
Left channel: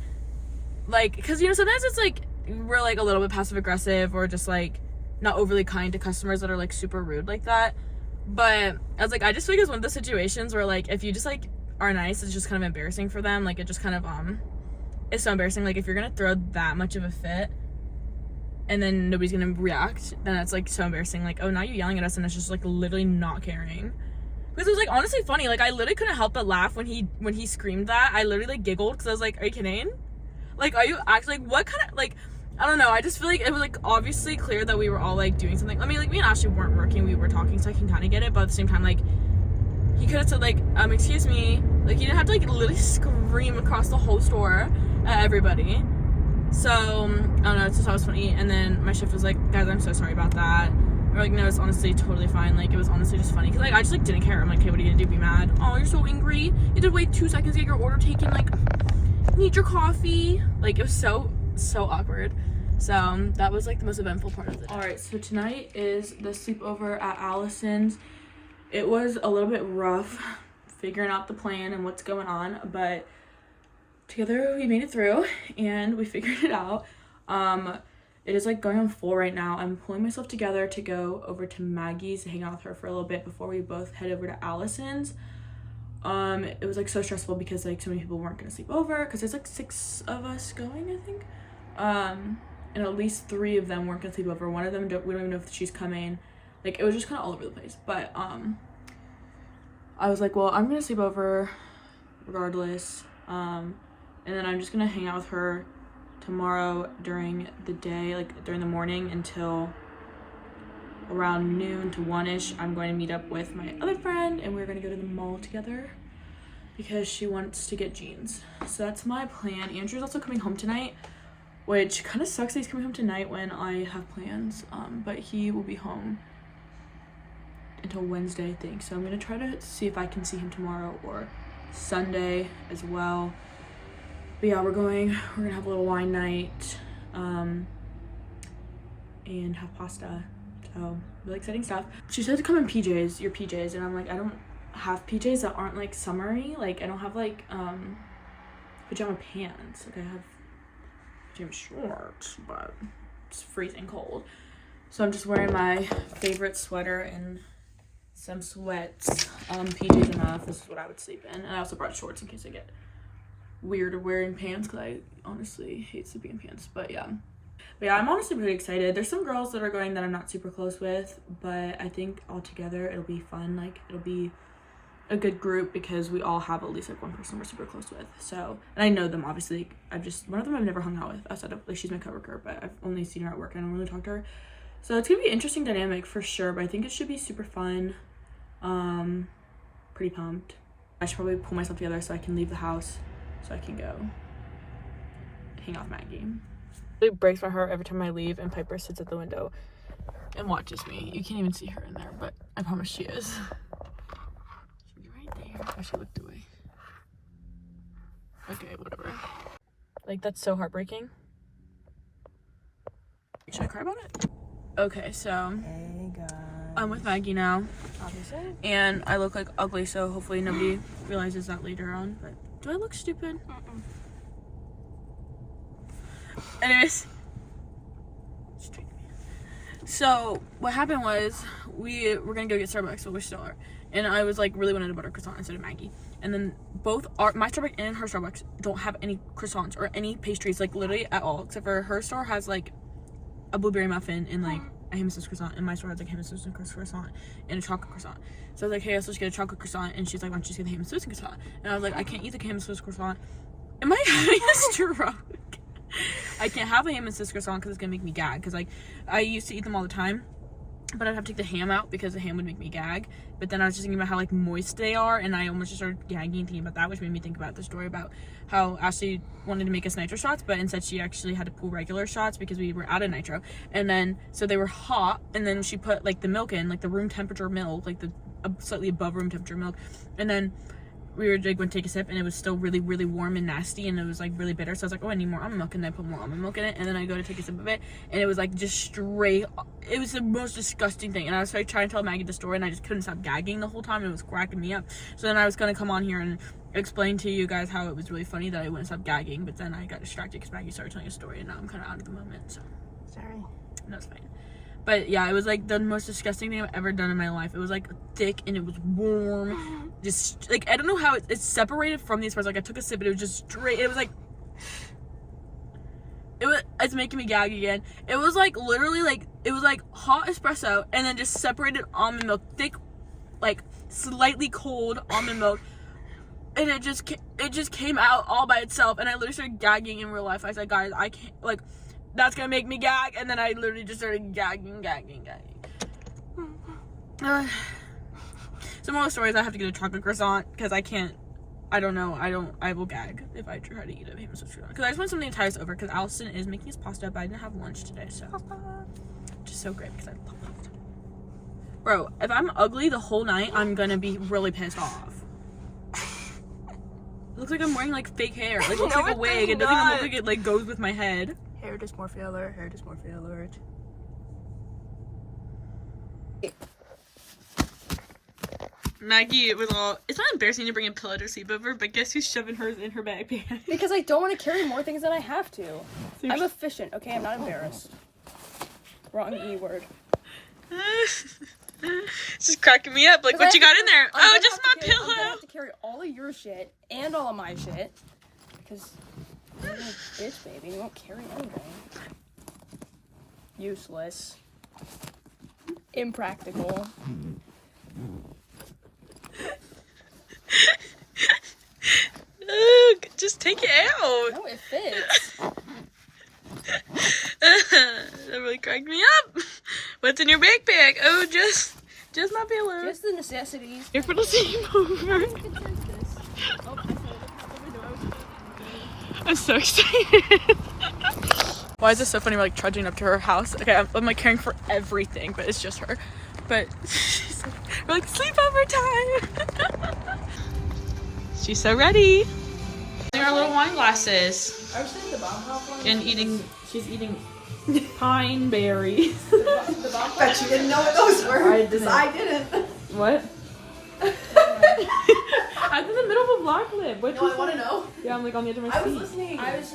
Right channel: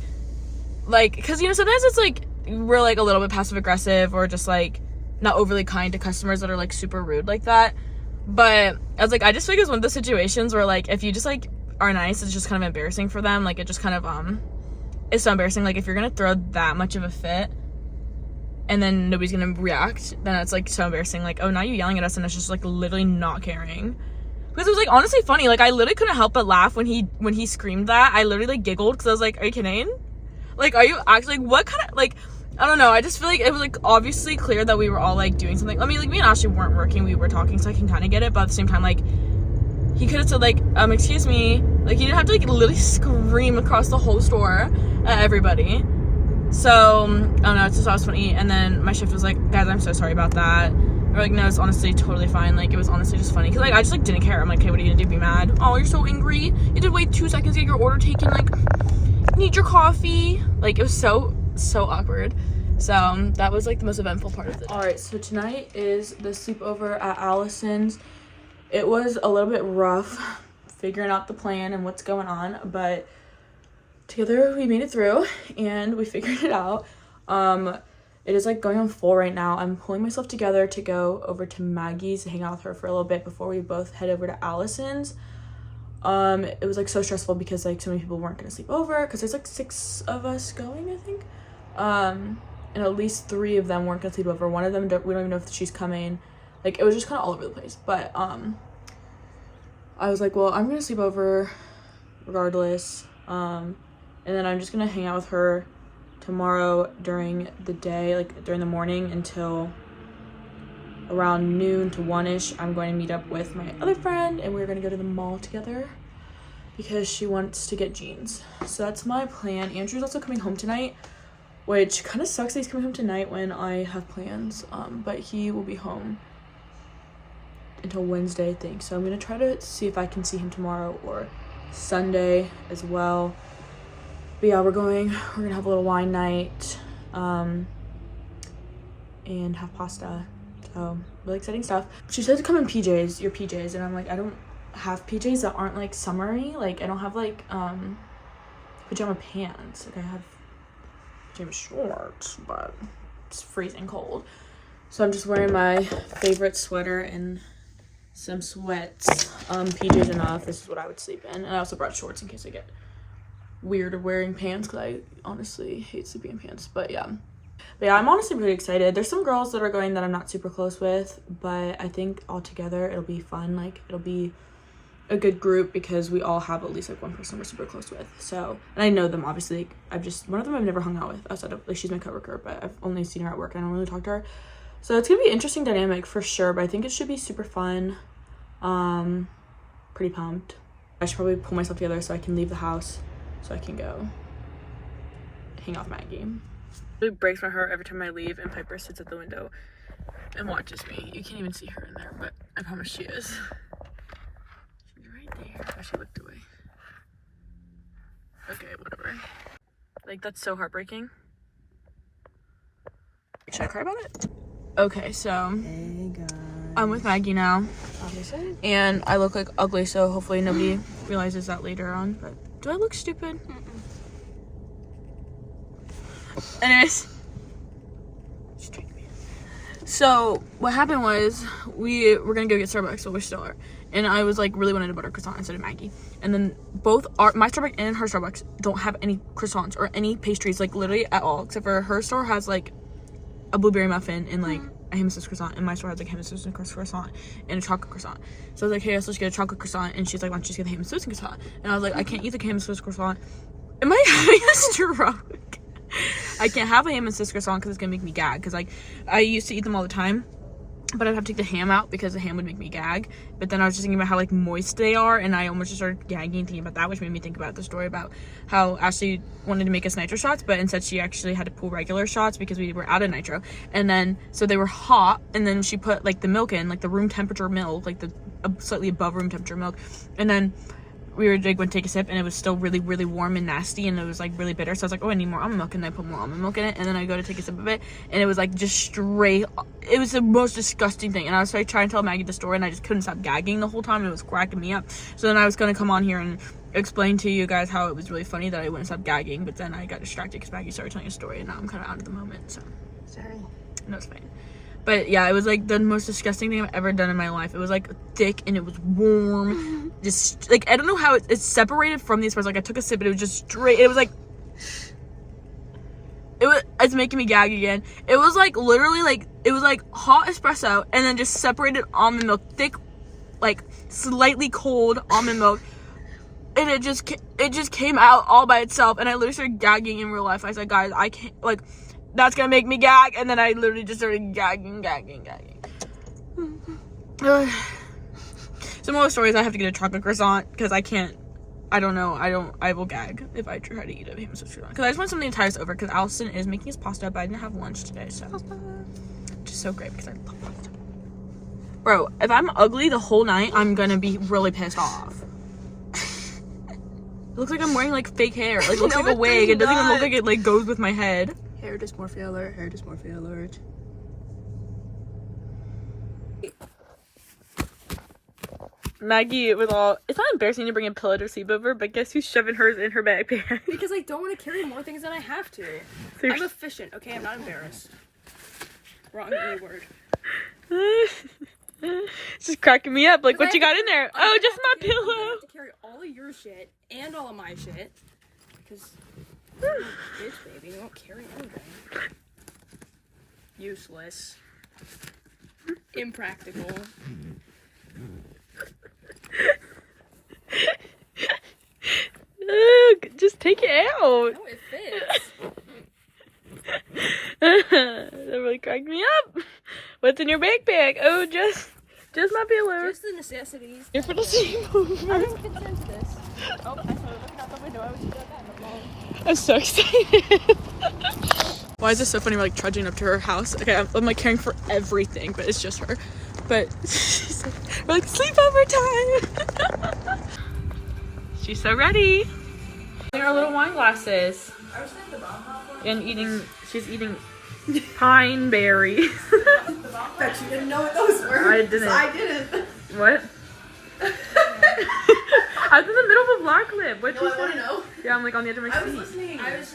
because you know sometimes it's like we're like a little bit passive aggressive, or just like not overly kind to customers that are like super rude like that. But I was like, I just feel like it's one of those situations where like if you just like are nice, it's just kind of embarrassing for them. Like, it just kind of it's so embarrassing. Like, if you're gonna throw that much of a fit and then nobody's gonna react, then it's like so embarrassing. Like, oh, now you're yelling at us, and it's just like literally not caring. Because it was like honestly funny. Like, I literally couldn't help but laugh when he screamed that. I literally like giggled, because I was like, are you kidding? Like, are you actually, like, what kind of, like, I don't know. I just feel like it was like obviously clear that we were all like doing something. I mean, like, me and Ashley weren't working, we were talking, so I can kind of get it. But at the same time, like, he could have said like, excuse me. Like, he didn't have to like literally scream across the whole store at everybody. So I don't know, it's just always funny. And then my shift was like, guys, I'm so sorry about that. We're like, no, it's honestly totally fine. Like, it was honestly just funny, because like I just like didn't care. I'm like, okay, what are you gonna do, be mad? Oh, you're so angry, you did wait 2 seconds to get your order taken, like, need your coffee. Like, it was so awkward. So that was like the most eventful part of the day. All right, so tonight is the sleepover at Allison's. It was a little bit rough figuring out the plan and what's going on, but together we made it through and we figured it out. It is like going on full right now. I'm pulling myself together to go over to Maggie's to hang out with her for a little bit before we both head over to Allison's. It was like so stressful because like so many people weren't gonna sleep over, because there's like 6 of us going, I think, and at least 3 of them weren't gonna sleep over. One of them we don't even know if she's coming. Like, it was just kind of all over the place. But I was like, well, I'm gonna sleep over regardless, and then I'm just gonna hang out with her tomorrow during the day, like during the morning, until around noon to 1ish. I'm going to meet up with my other friend, and we're going to go to the mall together because she wants to get jeans. So that's my plan. Andrew's also coming home tonight, which kind of sucks that he's coming home tonight when I have plans, but he will be home until Wednesday, I think. So I'm going to try to see if I can see him tomorrow or Sunday as well. But yeah, we're gonna have a little wine night, and have pasta. So really exciting stuff. She said to come in PJs, your PJs, and I'm like, I don't have PJs that aren't like summery. Like, I don't have like pajama pants. Like, I have pajama shorts, but it's freezing cold. So I'm just wearing my favorite sweater and some sweats. PJs enough. This is what I would sleep in, and I also brought shorts in case I get weird wearing pants, because I honestly hate sleeping in pants. But yeah, I'm honestly pretty excited. There's some girls that are going that I'm not super close with, but I think all together it'll be fun. Like, it'll be a good group because we all have at least like one person we're super close with. So, and I know them obviously. Like, one of them I've never hung out with outside of, like, she's my coworker, but I've only seen her at work. I don't really talk to her. So it's gonna be an interesting dynamic for sure, but I think it should be super fun. Pretty pumped. I should probably pull myself together so I can leave the house, so I can go hang out with Maggie. It breaks my heart every time I leave and Piper sits at the window and watches me. You can't even see her in there, but I promise she is. She's right there. Oh, she looked away. Okay, whatever. Like, that's so heartbreaking. Should I cry about it? Okay, so Hey guys. I'm with Maggie now. Obviously. And I look like ugly, so hopefully nobody realizes that later on. But do I look stupid? Anyways. So what happened was we were gonna go get Starbucks, so we still are. And I was like really wanted a butter croissant instead of Maggie. And then both my Starbucks and her Starbucks don't have any croissants or any pastries, like literally at all, except for her store has like a blueberry muffin and like a ham and Swiss croissant, and my store has like ham and Swiss croissant and a chocolate croissant. So I was like, hey, let's just get a chocolate croissant, and she's like, why don't you just get the ham and Swiss croissant? And I was like, I can't eat the ham and Swiss croissant. Am I having a stroke? I can't have a ham and Swiss croissant because it's gonna make me gag. Because like I used to eat them all the time, but I'd have to take the ham out because the ham would make me gag. But then I was just thinking about how like moist they are, and I almost just started gagging thinking about that, which made me think about the story about how Ashley wanted to make us nitro shots, but instead she actually had to pull regular shots because we were out of nitro. And then so they were hot, and then she put like the milk in, like the room temperature milk, like the slightly above room temperature milk, and then we were like, went to take a sip, and it was still really, really warm and nasty, and it was like really bitter. So I was like, oh, I need more almond milk, and then I put more almond milk in it, and then I go to take a sip of it, and it was like just straight. It was the most disgusting thing, and I was like trying to tell Maggie the story, and I just couldn't stop gagging the whole time. And it was cracking me up. So then I was gonna come on here and explain to you guys how it was really funny that I wouldn't stop gagging, but then I got distracted because Maggie started telling a story, and now I'm kind of out of the moment. So Sorry. no, it's fine. But yeah, it was like the most disgusting thing I've ever done in my life. It was like thick and it was warm. Just like, I don't know how it's separated from the espresso. Like I took a sip, but it was just straight. It was like, it's making me gag again. It was like literally like, it was like hot espresso and then just separated almond milk, thick, like slightly cold almond milk. And it just came out all by itself. And I literally started gagging in real life. I said, guys, I can't, like, that's gonna make me gag, and then I literally just started gagging. Some more stories, I have to get a chocolate croissant, because I will gag if I try to eat a ham and Swiss croissant. Because I just want something to tide us over, because Allison is making us pasta, but I didn't have lunch today, so. Which is so great, because I love pasta. Bro, if I'm ugly the whole night, I'm gonna be really pissed off. It looks like I'm wearing, like, fake hair. Like, it looks like a wig. It doesn't even look like it, like, goes with my head. Hair dysmorphia alert. Maggie, it was all. It's not embarrassing to bring a pillow to sleep over, but guess who's shoving hers in her backpack? Because I don't want to carry more things than I have to. So I'm efficient, okay? I'm not embarrassed. Wrong E word. She's cracking me up. Like, what you got in there? Oh, just my pillow. I'm gonna have to carry all of your shit and all of my shit. Because you're a bitch, baby. You won't carry anything. Useless. Impractical. Look, just take it out. No, it fits. That really cracked me up. What's in your backpack? Oh, just my pillow. Just the necessities. Here for the sleepover. I'm concerned for this. Oh, actually, look out the window. I was just doing that. I'm so excited. Why is this so funny? We're like trudging up to her house. Okay, I'm like caring for everything, but it's just her. But she's like, we're like, sleepover time. She's so ready. Our little wine glasses. And she's eating pine berry. Bet you didn't know what those were. I didn't. I didn't. What? I was in the middle of a black lip. What No, I want to know. Yeah, I'm like on the edge of my I was seat. listening. I was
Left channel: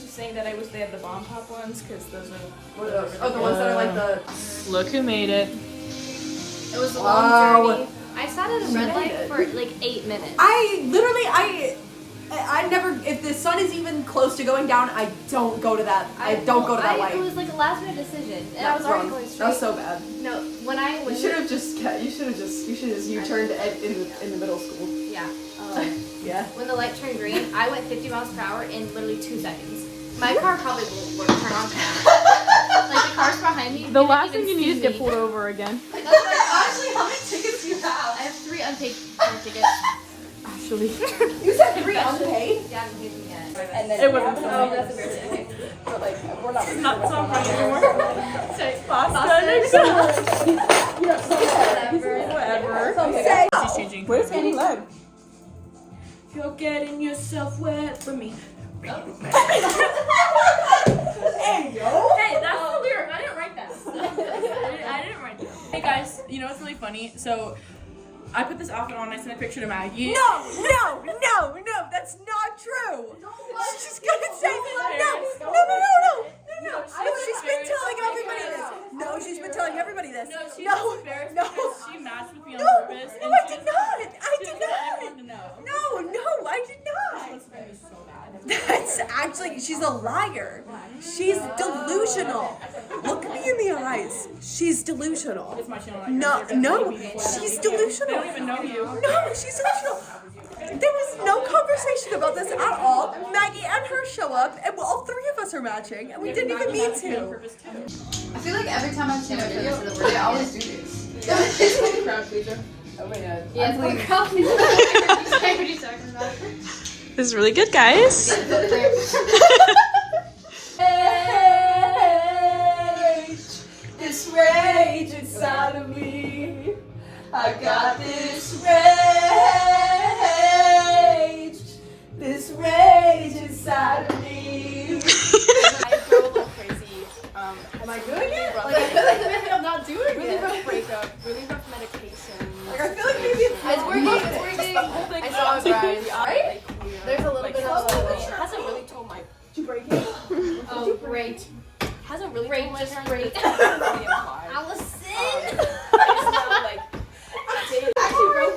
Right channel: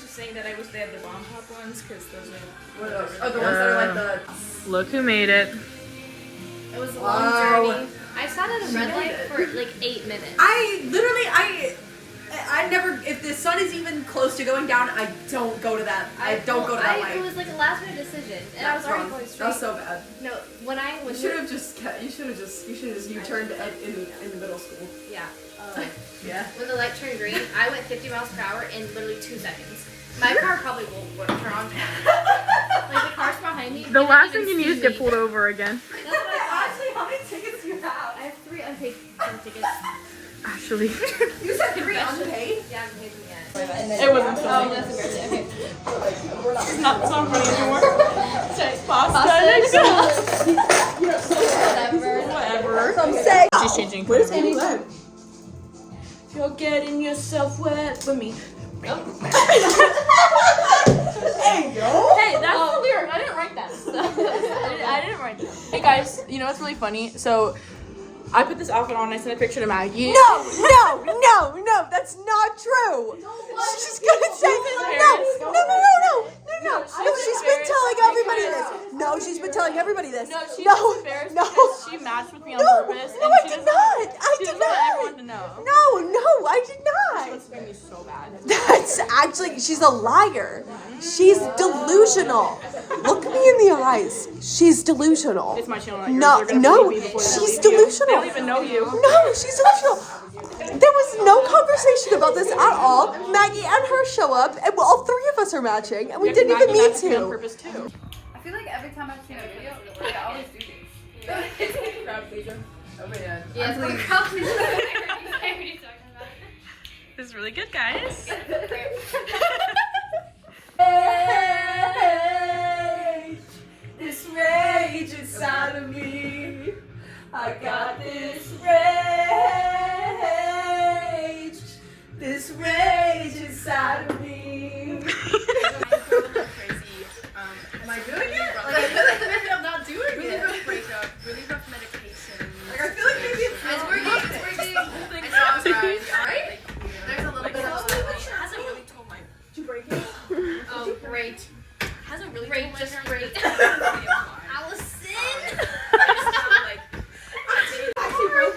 just saying that I wish they had the bomb pop ones because those are. What are those? Oh, the ones that are like the. Look who made it. It was a long journey. I sat at a red light for like 8 minutes. I never. If the sun is even close to going down, I don't go to that. I don't go to that light. It was like a last minute decision, and I was already going straight. That was so bad. No, when You should have just U-turned in the middle school. Yeah. Yeah. When the light turned green, I went 50 miles per hour in literally 2 seconds. My car probably will turn on time. Like the cars behind me. The last thing you need is get pulled over again. That's like, Ashley, how many tickets do you have? I have 3 unpaid car tickets. Actually. You said 3 unpaid? Yeah, I haven't paid them yet. And then It wasn't Oh, funny. that's embarrassing. Okay. It's not so funny anymore. Pasta next time. Whatever. She's changing. Where's Amy Love? You're getting yourself wet for me. Hey, yo. Hey, that's the lyric. I didn't write that. I didn't write that. Hey guys, you know what's really funny? So I put this outfit on. I sent a picture to Maggie. No, that's not true. She's gonna say no. She's been telling everybody this. No, she's been telling everybody this. No, she's No, embarrassed no. because she matched with me on No, purpose. no, and I she did doesn't- not. I she did doesn't want not. everyone to know. No, I did not. It's gonna be so bad. That's actually, she's a liar. She's delusional. Look me in the eyes. She's delusional. It's my channel. No, she's delusional. I don't even know you. No, she's delusional. There was no conversation about this at all. Maggie and her show up, and all three of us are matching, and we didn't even mean to. I feel like every time I see my video, they always do this. It's like a crowd pleaser. Oh my god. Yeah, it's like what are you talking about? This is really good, guys. This rage inside of me. I got this rage inside of me. I go a little crazy. Am I doing it? Like, I feel like maybe I'm not doing it. Really rough breakup, really rough medication. Like, I feel like maybe it's It's working. I saw it right. Right? There's a little bit of it hasn't really told my. Did you break it? Oh, great. Hasn't really Great, told my just parents. great. But it's really implied. Allison! It's now like.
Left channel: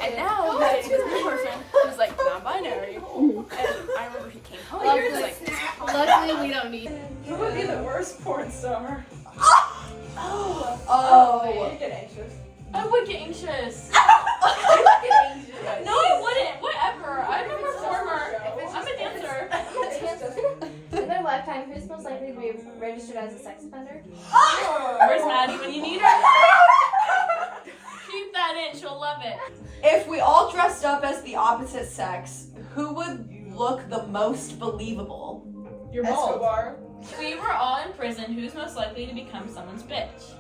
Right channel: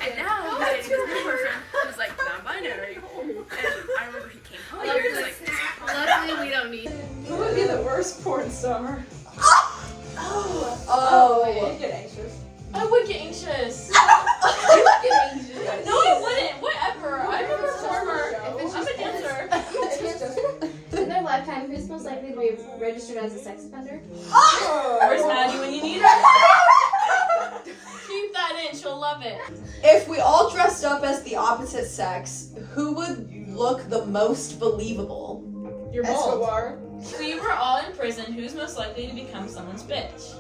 And now he's dating this person who's like non-binary. And I remember he came home and he was like, Luckily, we don't need. Who would be the worst porn star? Oh. You get anxious. I would get anxious. No, I wouldn't. Whatever. I'm a performer. I'm a dancer. In their lifetime, who's most likely to be registered as a sex offender? Where's Maddie when you need her? Keep that in. She'll love it. If we all dressed up as the opposite sex, who would look the most believable? Your bald. If we were all in prison, who's most likely to become someone's bitch?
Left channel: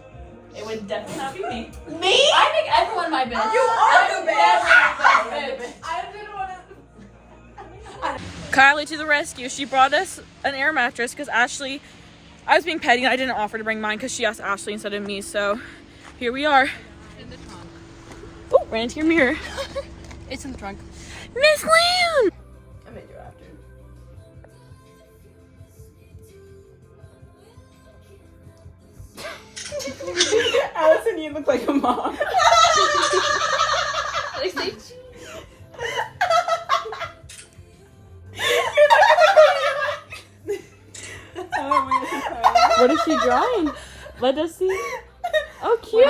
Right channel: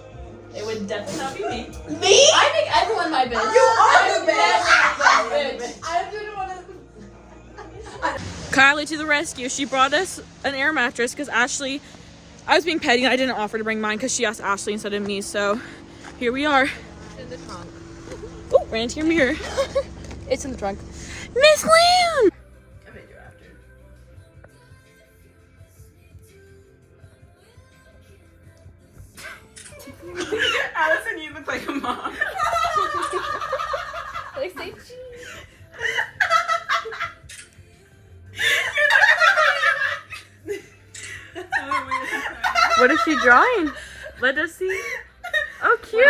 It would definitely not be me. Me? I make everyone my bitch. You are I'm the bitch. everyone's bitch. I didn't want to. Kylie to the rescue. She brought us an air mattress because Ashley, I was being petty and I didn't offer to bring mine because she asked Ashley instead of me. So here we are. Oh, ran into your mirror. it's in the trunk. Miss Lamb! I made you after. Allison, you look like a mom. What is she drawing? Let us see. Oh, cute.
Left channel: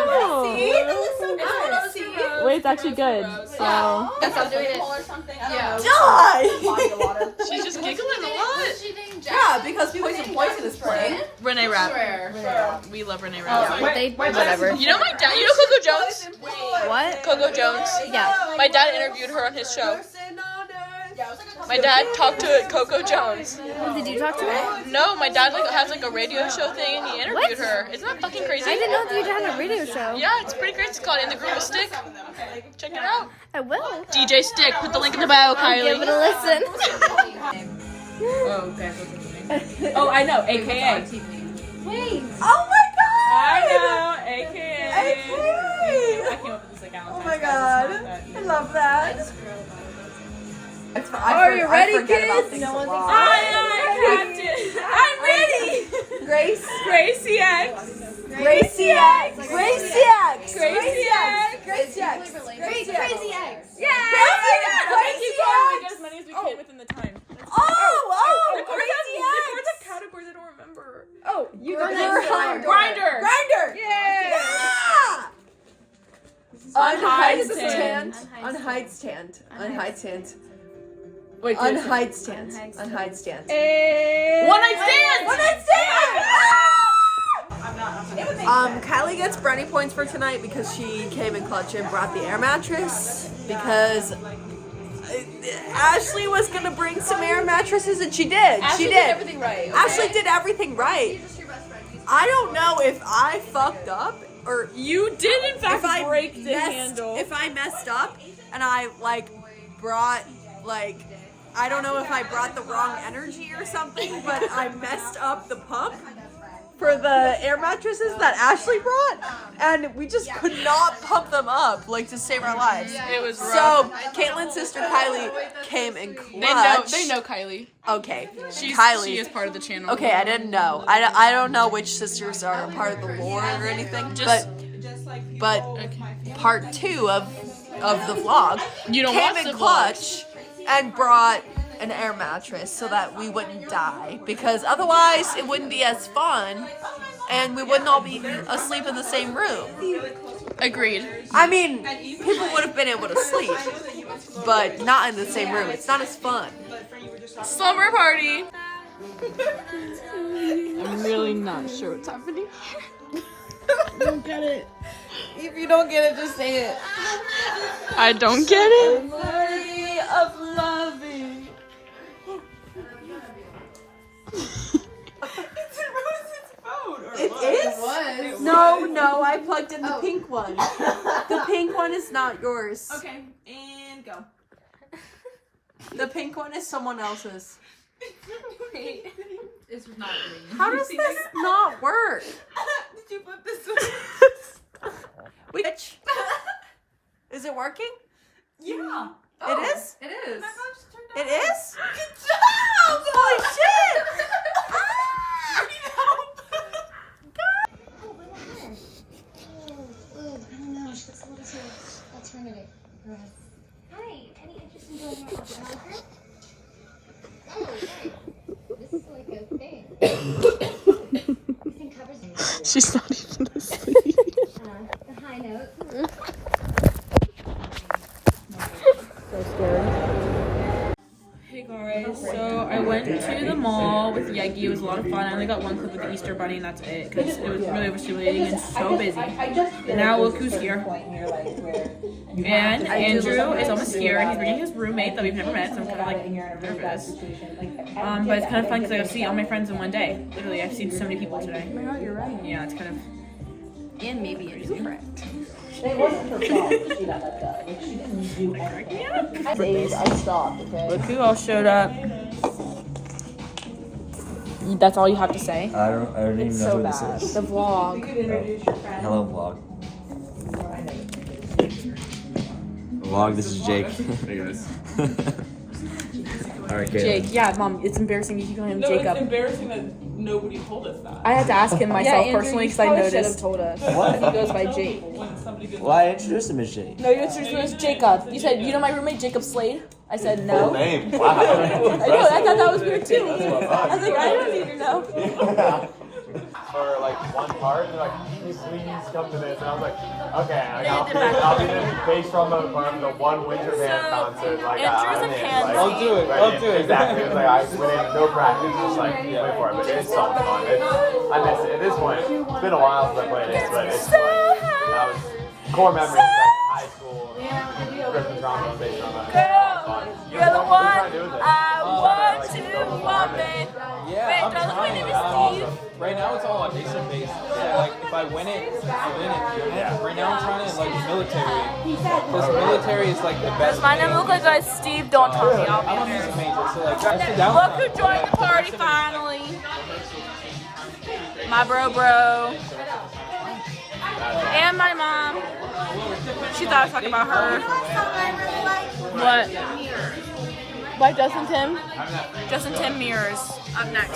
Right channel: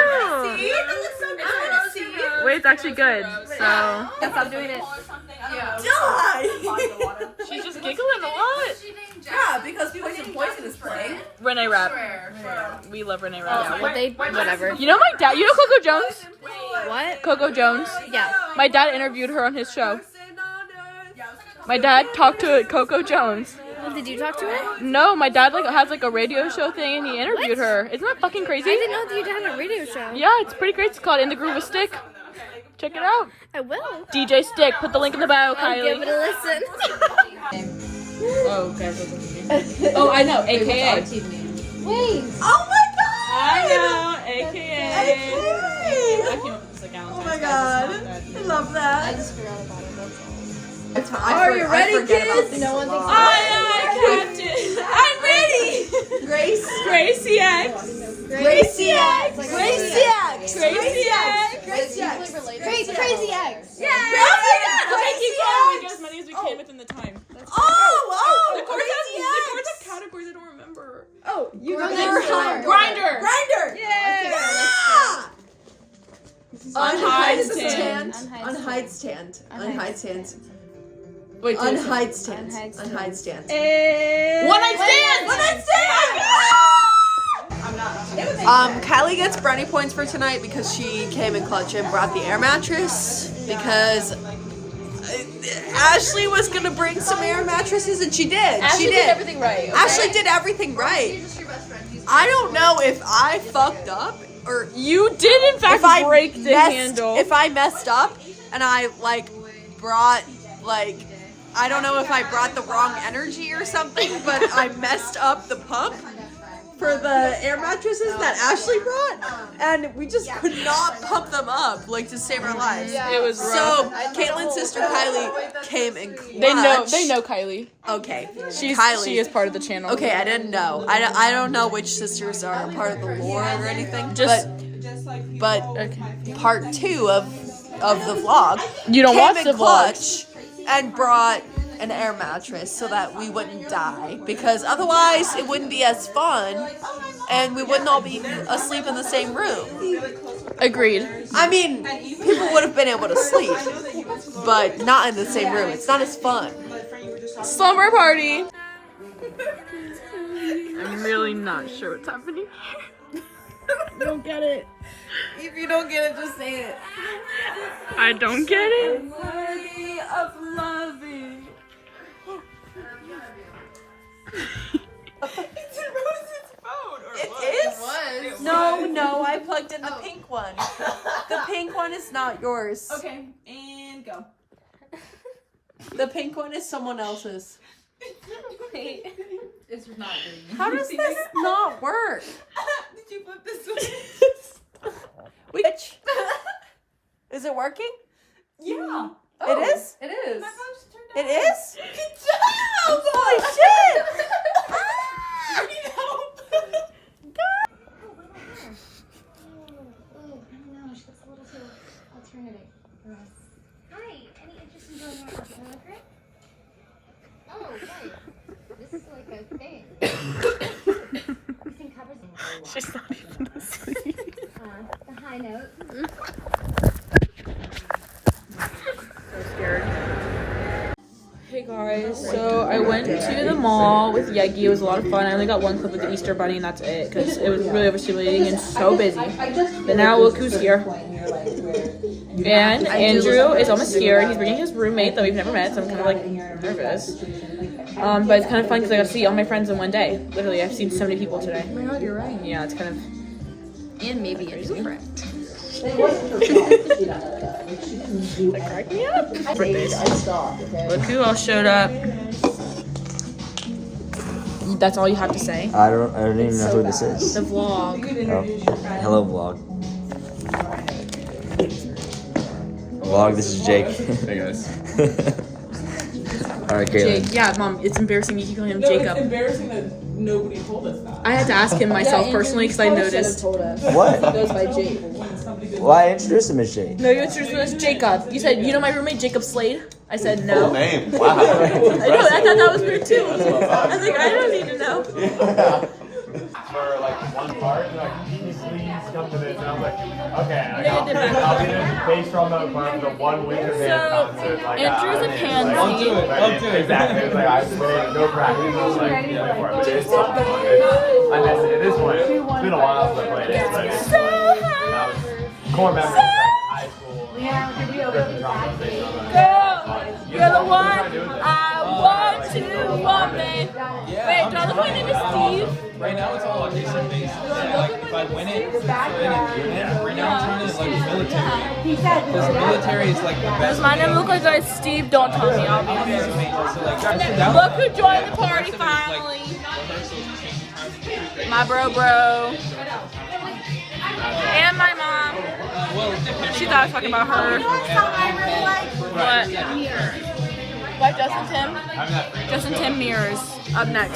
Wait, it's actually good. So Stop doing it. Die! she's just giggling a lot. Yeah, because Poison is playing. Renee Rapp. We love Renee Rapp. Whatever. You know my dad. You know Coco Jones? What? Coco Jones. Yeah. My dad interviewed her on his show. My dad talked to Coco Jones. Did you talk to her? No, my dad has a radio show thing and he interviewed her. Isn't that fucking crazy? I didn't know that you had a radio show. Yeah, it's pretty great. It's called In the Groove with Stick. Check it out. I will. DJ Stick. Put the link in the bio, I'll give Kylie. it a listen. Oh, guys, what's up with me? Oh, I know. AKA. Wait. Oh my god! I know. AKA. AKA. I came up with this like Valentine's. Oh my guys. god. It's not that I love that. just forgot about it, that's all. I forget about things a lot. Aye, Captain. I'm ready. Grace. Gracie X. Gracie X. Gracie X. Gracie X. Gracie X. Wait, Crazy Eggs. Yeah. Okay, keep going. We get as many as we can within the time. Oh, The chords have categories I don't remember. Oh, you Grinder. Grinder. Grinder. Yeah. Unhide stand. stand. Unhide stand. Unhide stand. Wait, Unhide stand. Unhide stand. One night stand. One night stand. Kylie gets brownie points for tonight because she came in clutch and brought the air mattress because Ashley was gonna bring some air mattresses and she did. She did everything right. Ashley did everything right. I don't know if I fucked up or You did in fact if I break the messed, handle. if I messed up and I like brought like I don't know if I brought the wrong energy or something, but I messed up the pump for the air mattresses that Ashley brought, and we just could not pump them up, like, to save our lives. It was rough. So, Katelyn's sister Kylie came in clutch. They know Kylie. Okay, Kylie. She is part of the channel. Okay, I didn't know. I don't know which sisters are a part of the lore or anything, but part 2 of the vlog You don't came watch in the clutch and brought an air mattress so that we wouldn't die, because otherwise it wouldn't be as fun and we wouldn't all be asleep in the same room. Agreed. I mean, people would have been able to sleep, but not in the same room. It's not as fun. Slumber party. I'm really not sure what's happening. I don't get it. If you don't get it, just say it. I don't get it. Worthy of loving. It is? No, I plugged in the pink one. The pink one is not yours. Okay, and go. The pink one is someone else's. Wait. It's not green. How does this not work? Did you flip this one? Which? Is it working? Yeah. It is? It is. It is? Good job! Holy shit! Alternative. Hi, any interest in joining my acapella group? Oh, right. This is like a thing. This thing covers me. She's not even asleep. The high note. So scared. Hey guys, so I went to the mall with Yegi. It was a lot of fun. I only got one clip with the Easter Bunny and that's it because it was really overstimulating and so busy. But now look who's here. And Andrew is almost here. He's bringing his roommate that we've never met, so I'm kind of like nervous. But it's kind of fun because I got to see all my friends in one day. Literally, I've seen so many people today. Oh my god, you're right. Yeah, it's kind of... And maybe a new friend. Look who else showed up. That's all you have to say. I don't even know who this is. The vlog. Oh. Hello, vlog. Vlog, this is Jake. Hey guys. Alright, Jake. Katelyn. Yeah, Mom, it's embarrassing you keep calling him Jacob. It's embarrassing that nobody told us that. I had to ask him myself personally because I noticed. What? Goes by Jake. Well, I introduced him as Jake. No, you introduced me as Jacob. You said, you know my roommate Jacob Slade? I said no. Name. Wow. I know, I thought that was weird too. I was like, I don't need to know. For like one part, and like, can you please come to this? And I was like, okay, Yeah, you did that. I'll be doing bass drum for the 1 week of it. Concert. Like, Andrew's a pansy. Don't do it. Exactly. It's like, I really no practice. Just like, wait for it. But it's fun. And at this point, it's been a while since I played it. But it's So high. core memories of high school. Girl, you're the one I want to want me. Wait, do I look like my name is Steve? Right now it's all audition based. If I win it, right now it's running like military. Because military is like the Does best. my name look like I Steve? Don't tell me, I'll be embarrassed. So like, Look who joined the party finally. My bro. And my mom. She thought I was talking about her. But like Justin Tim mirrors up next.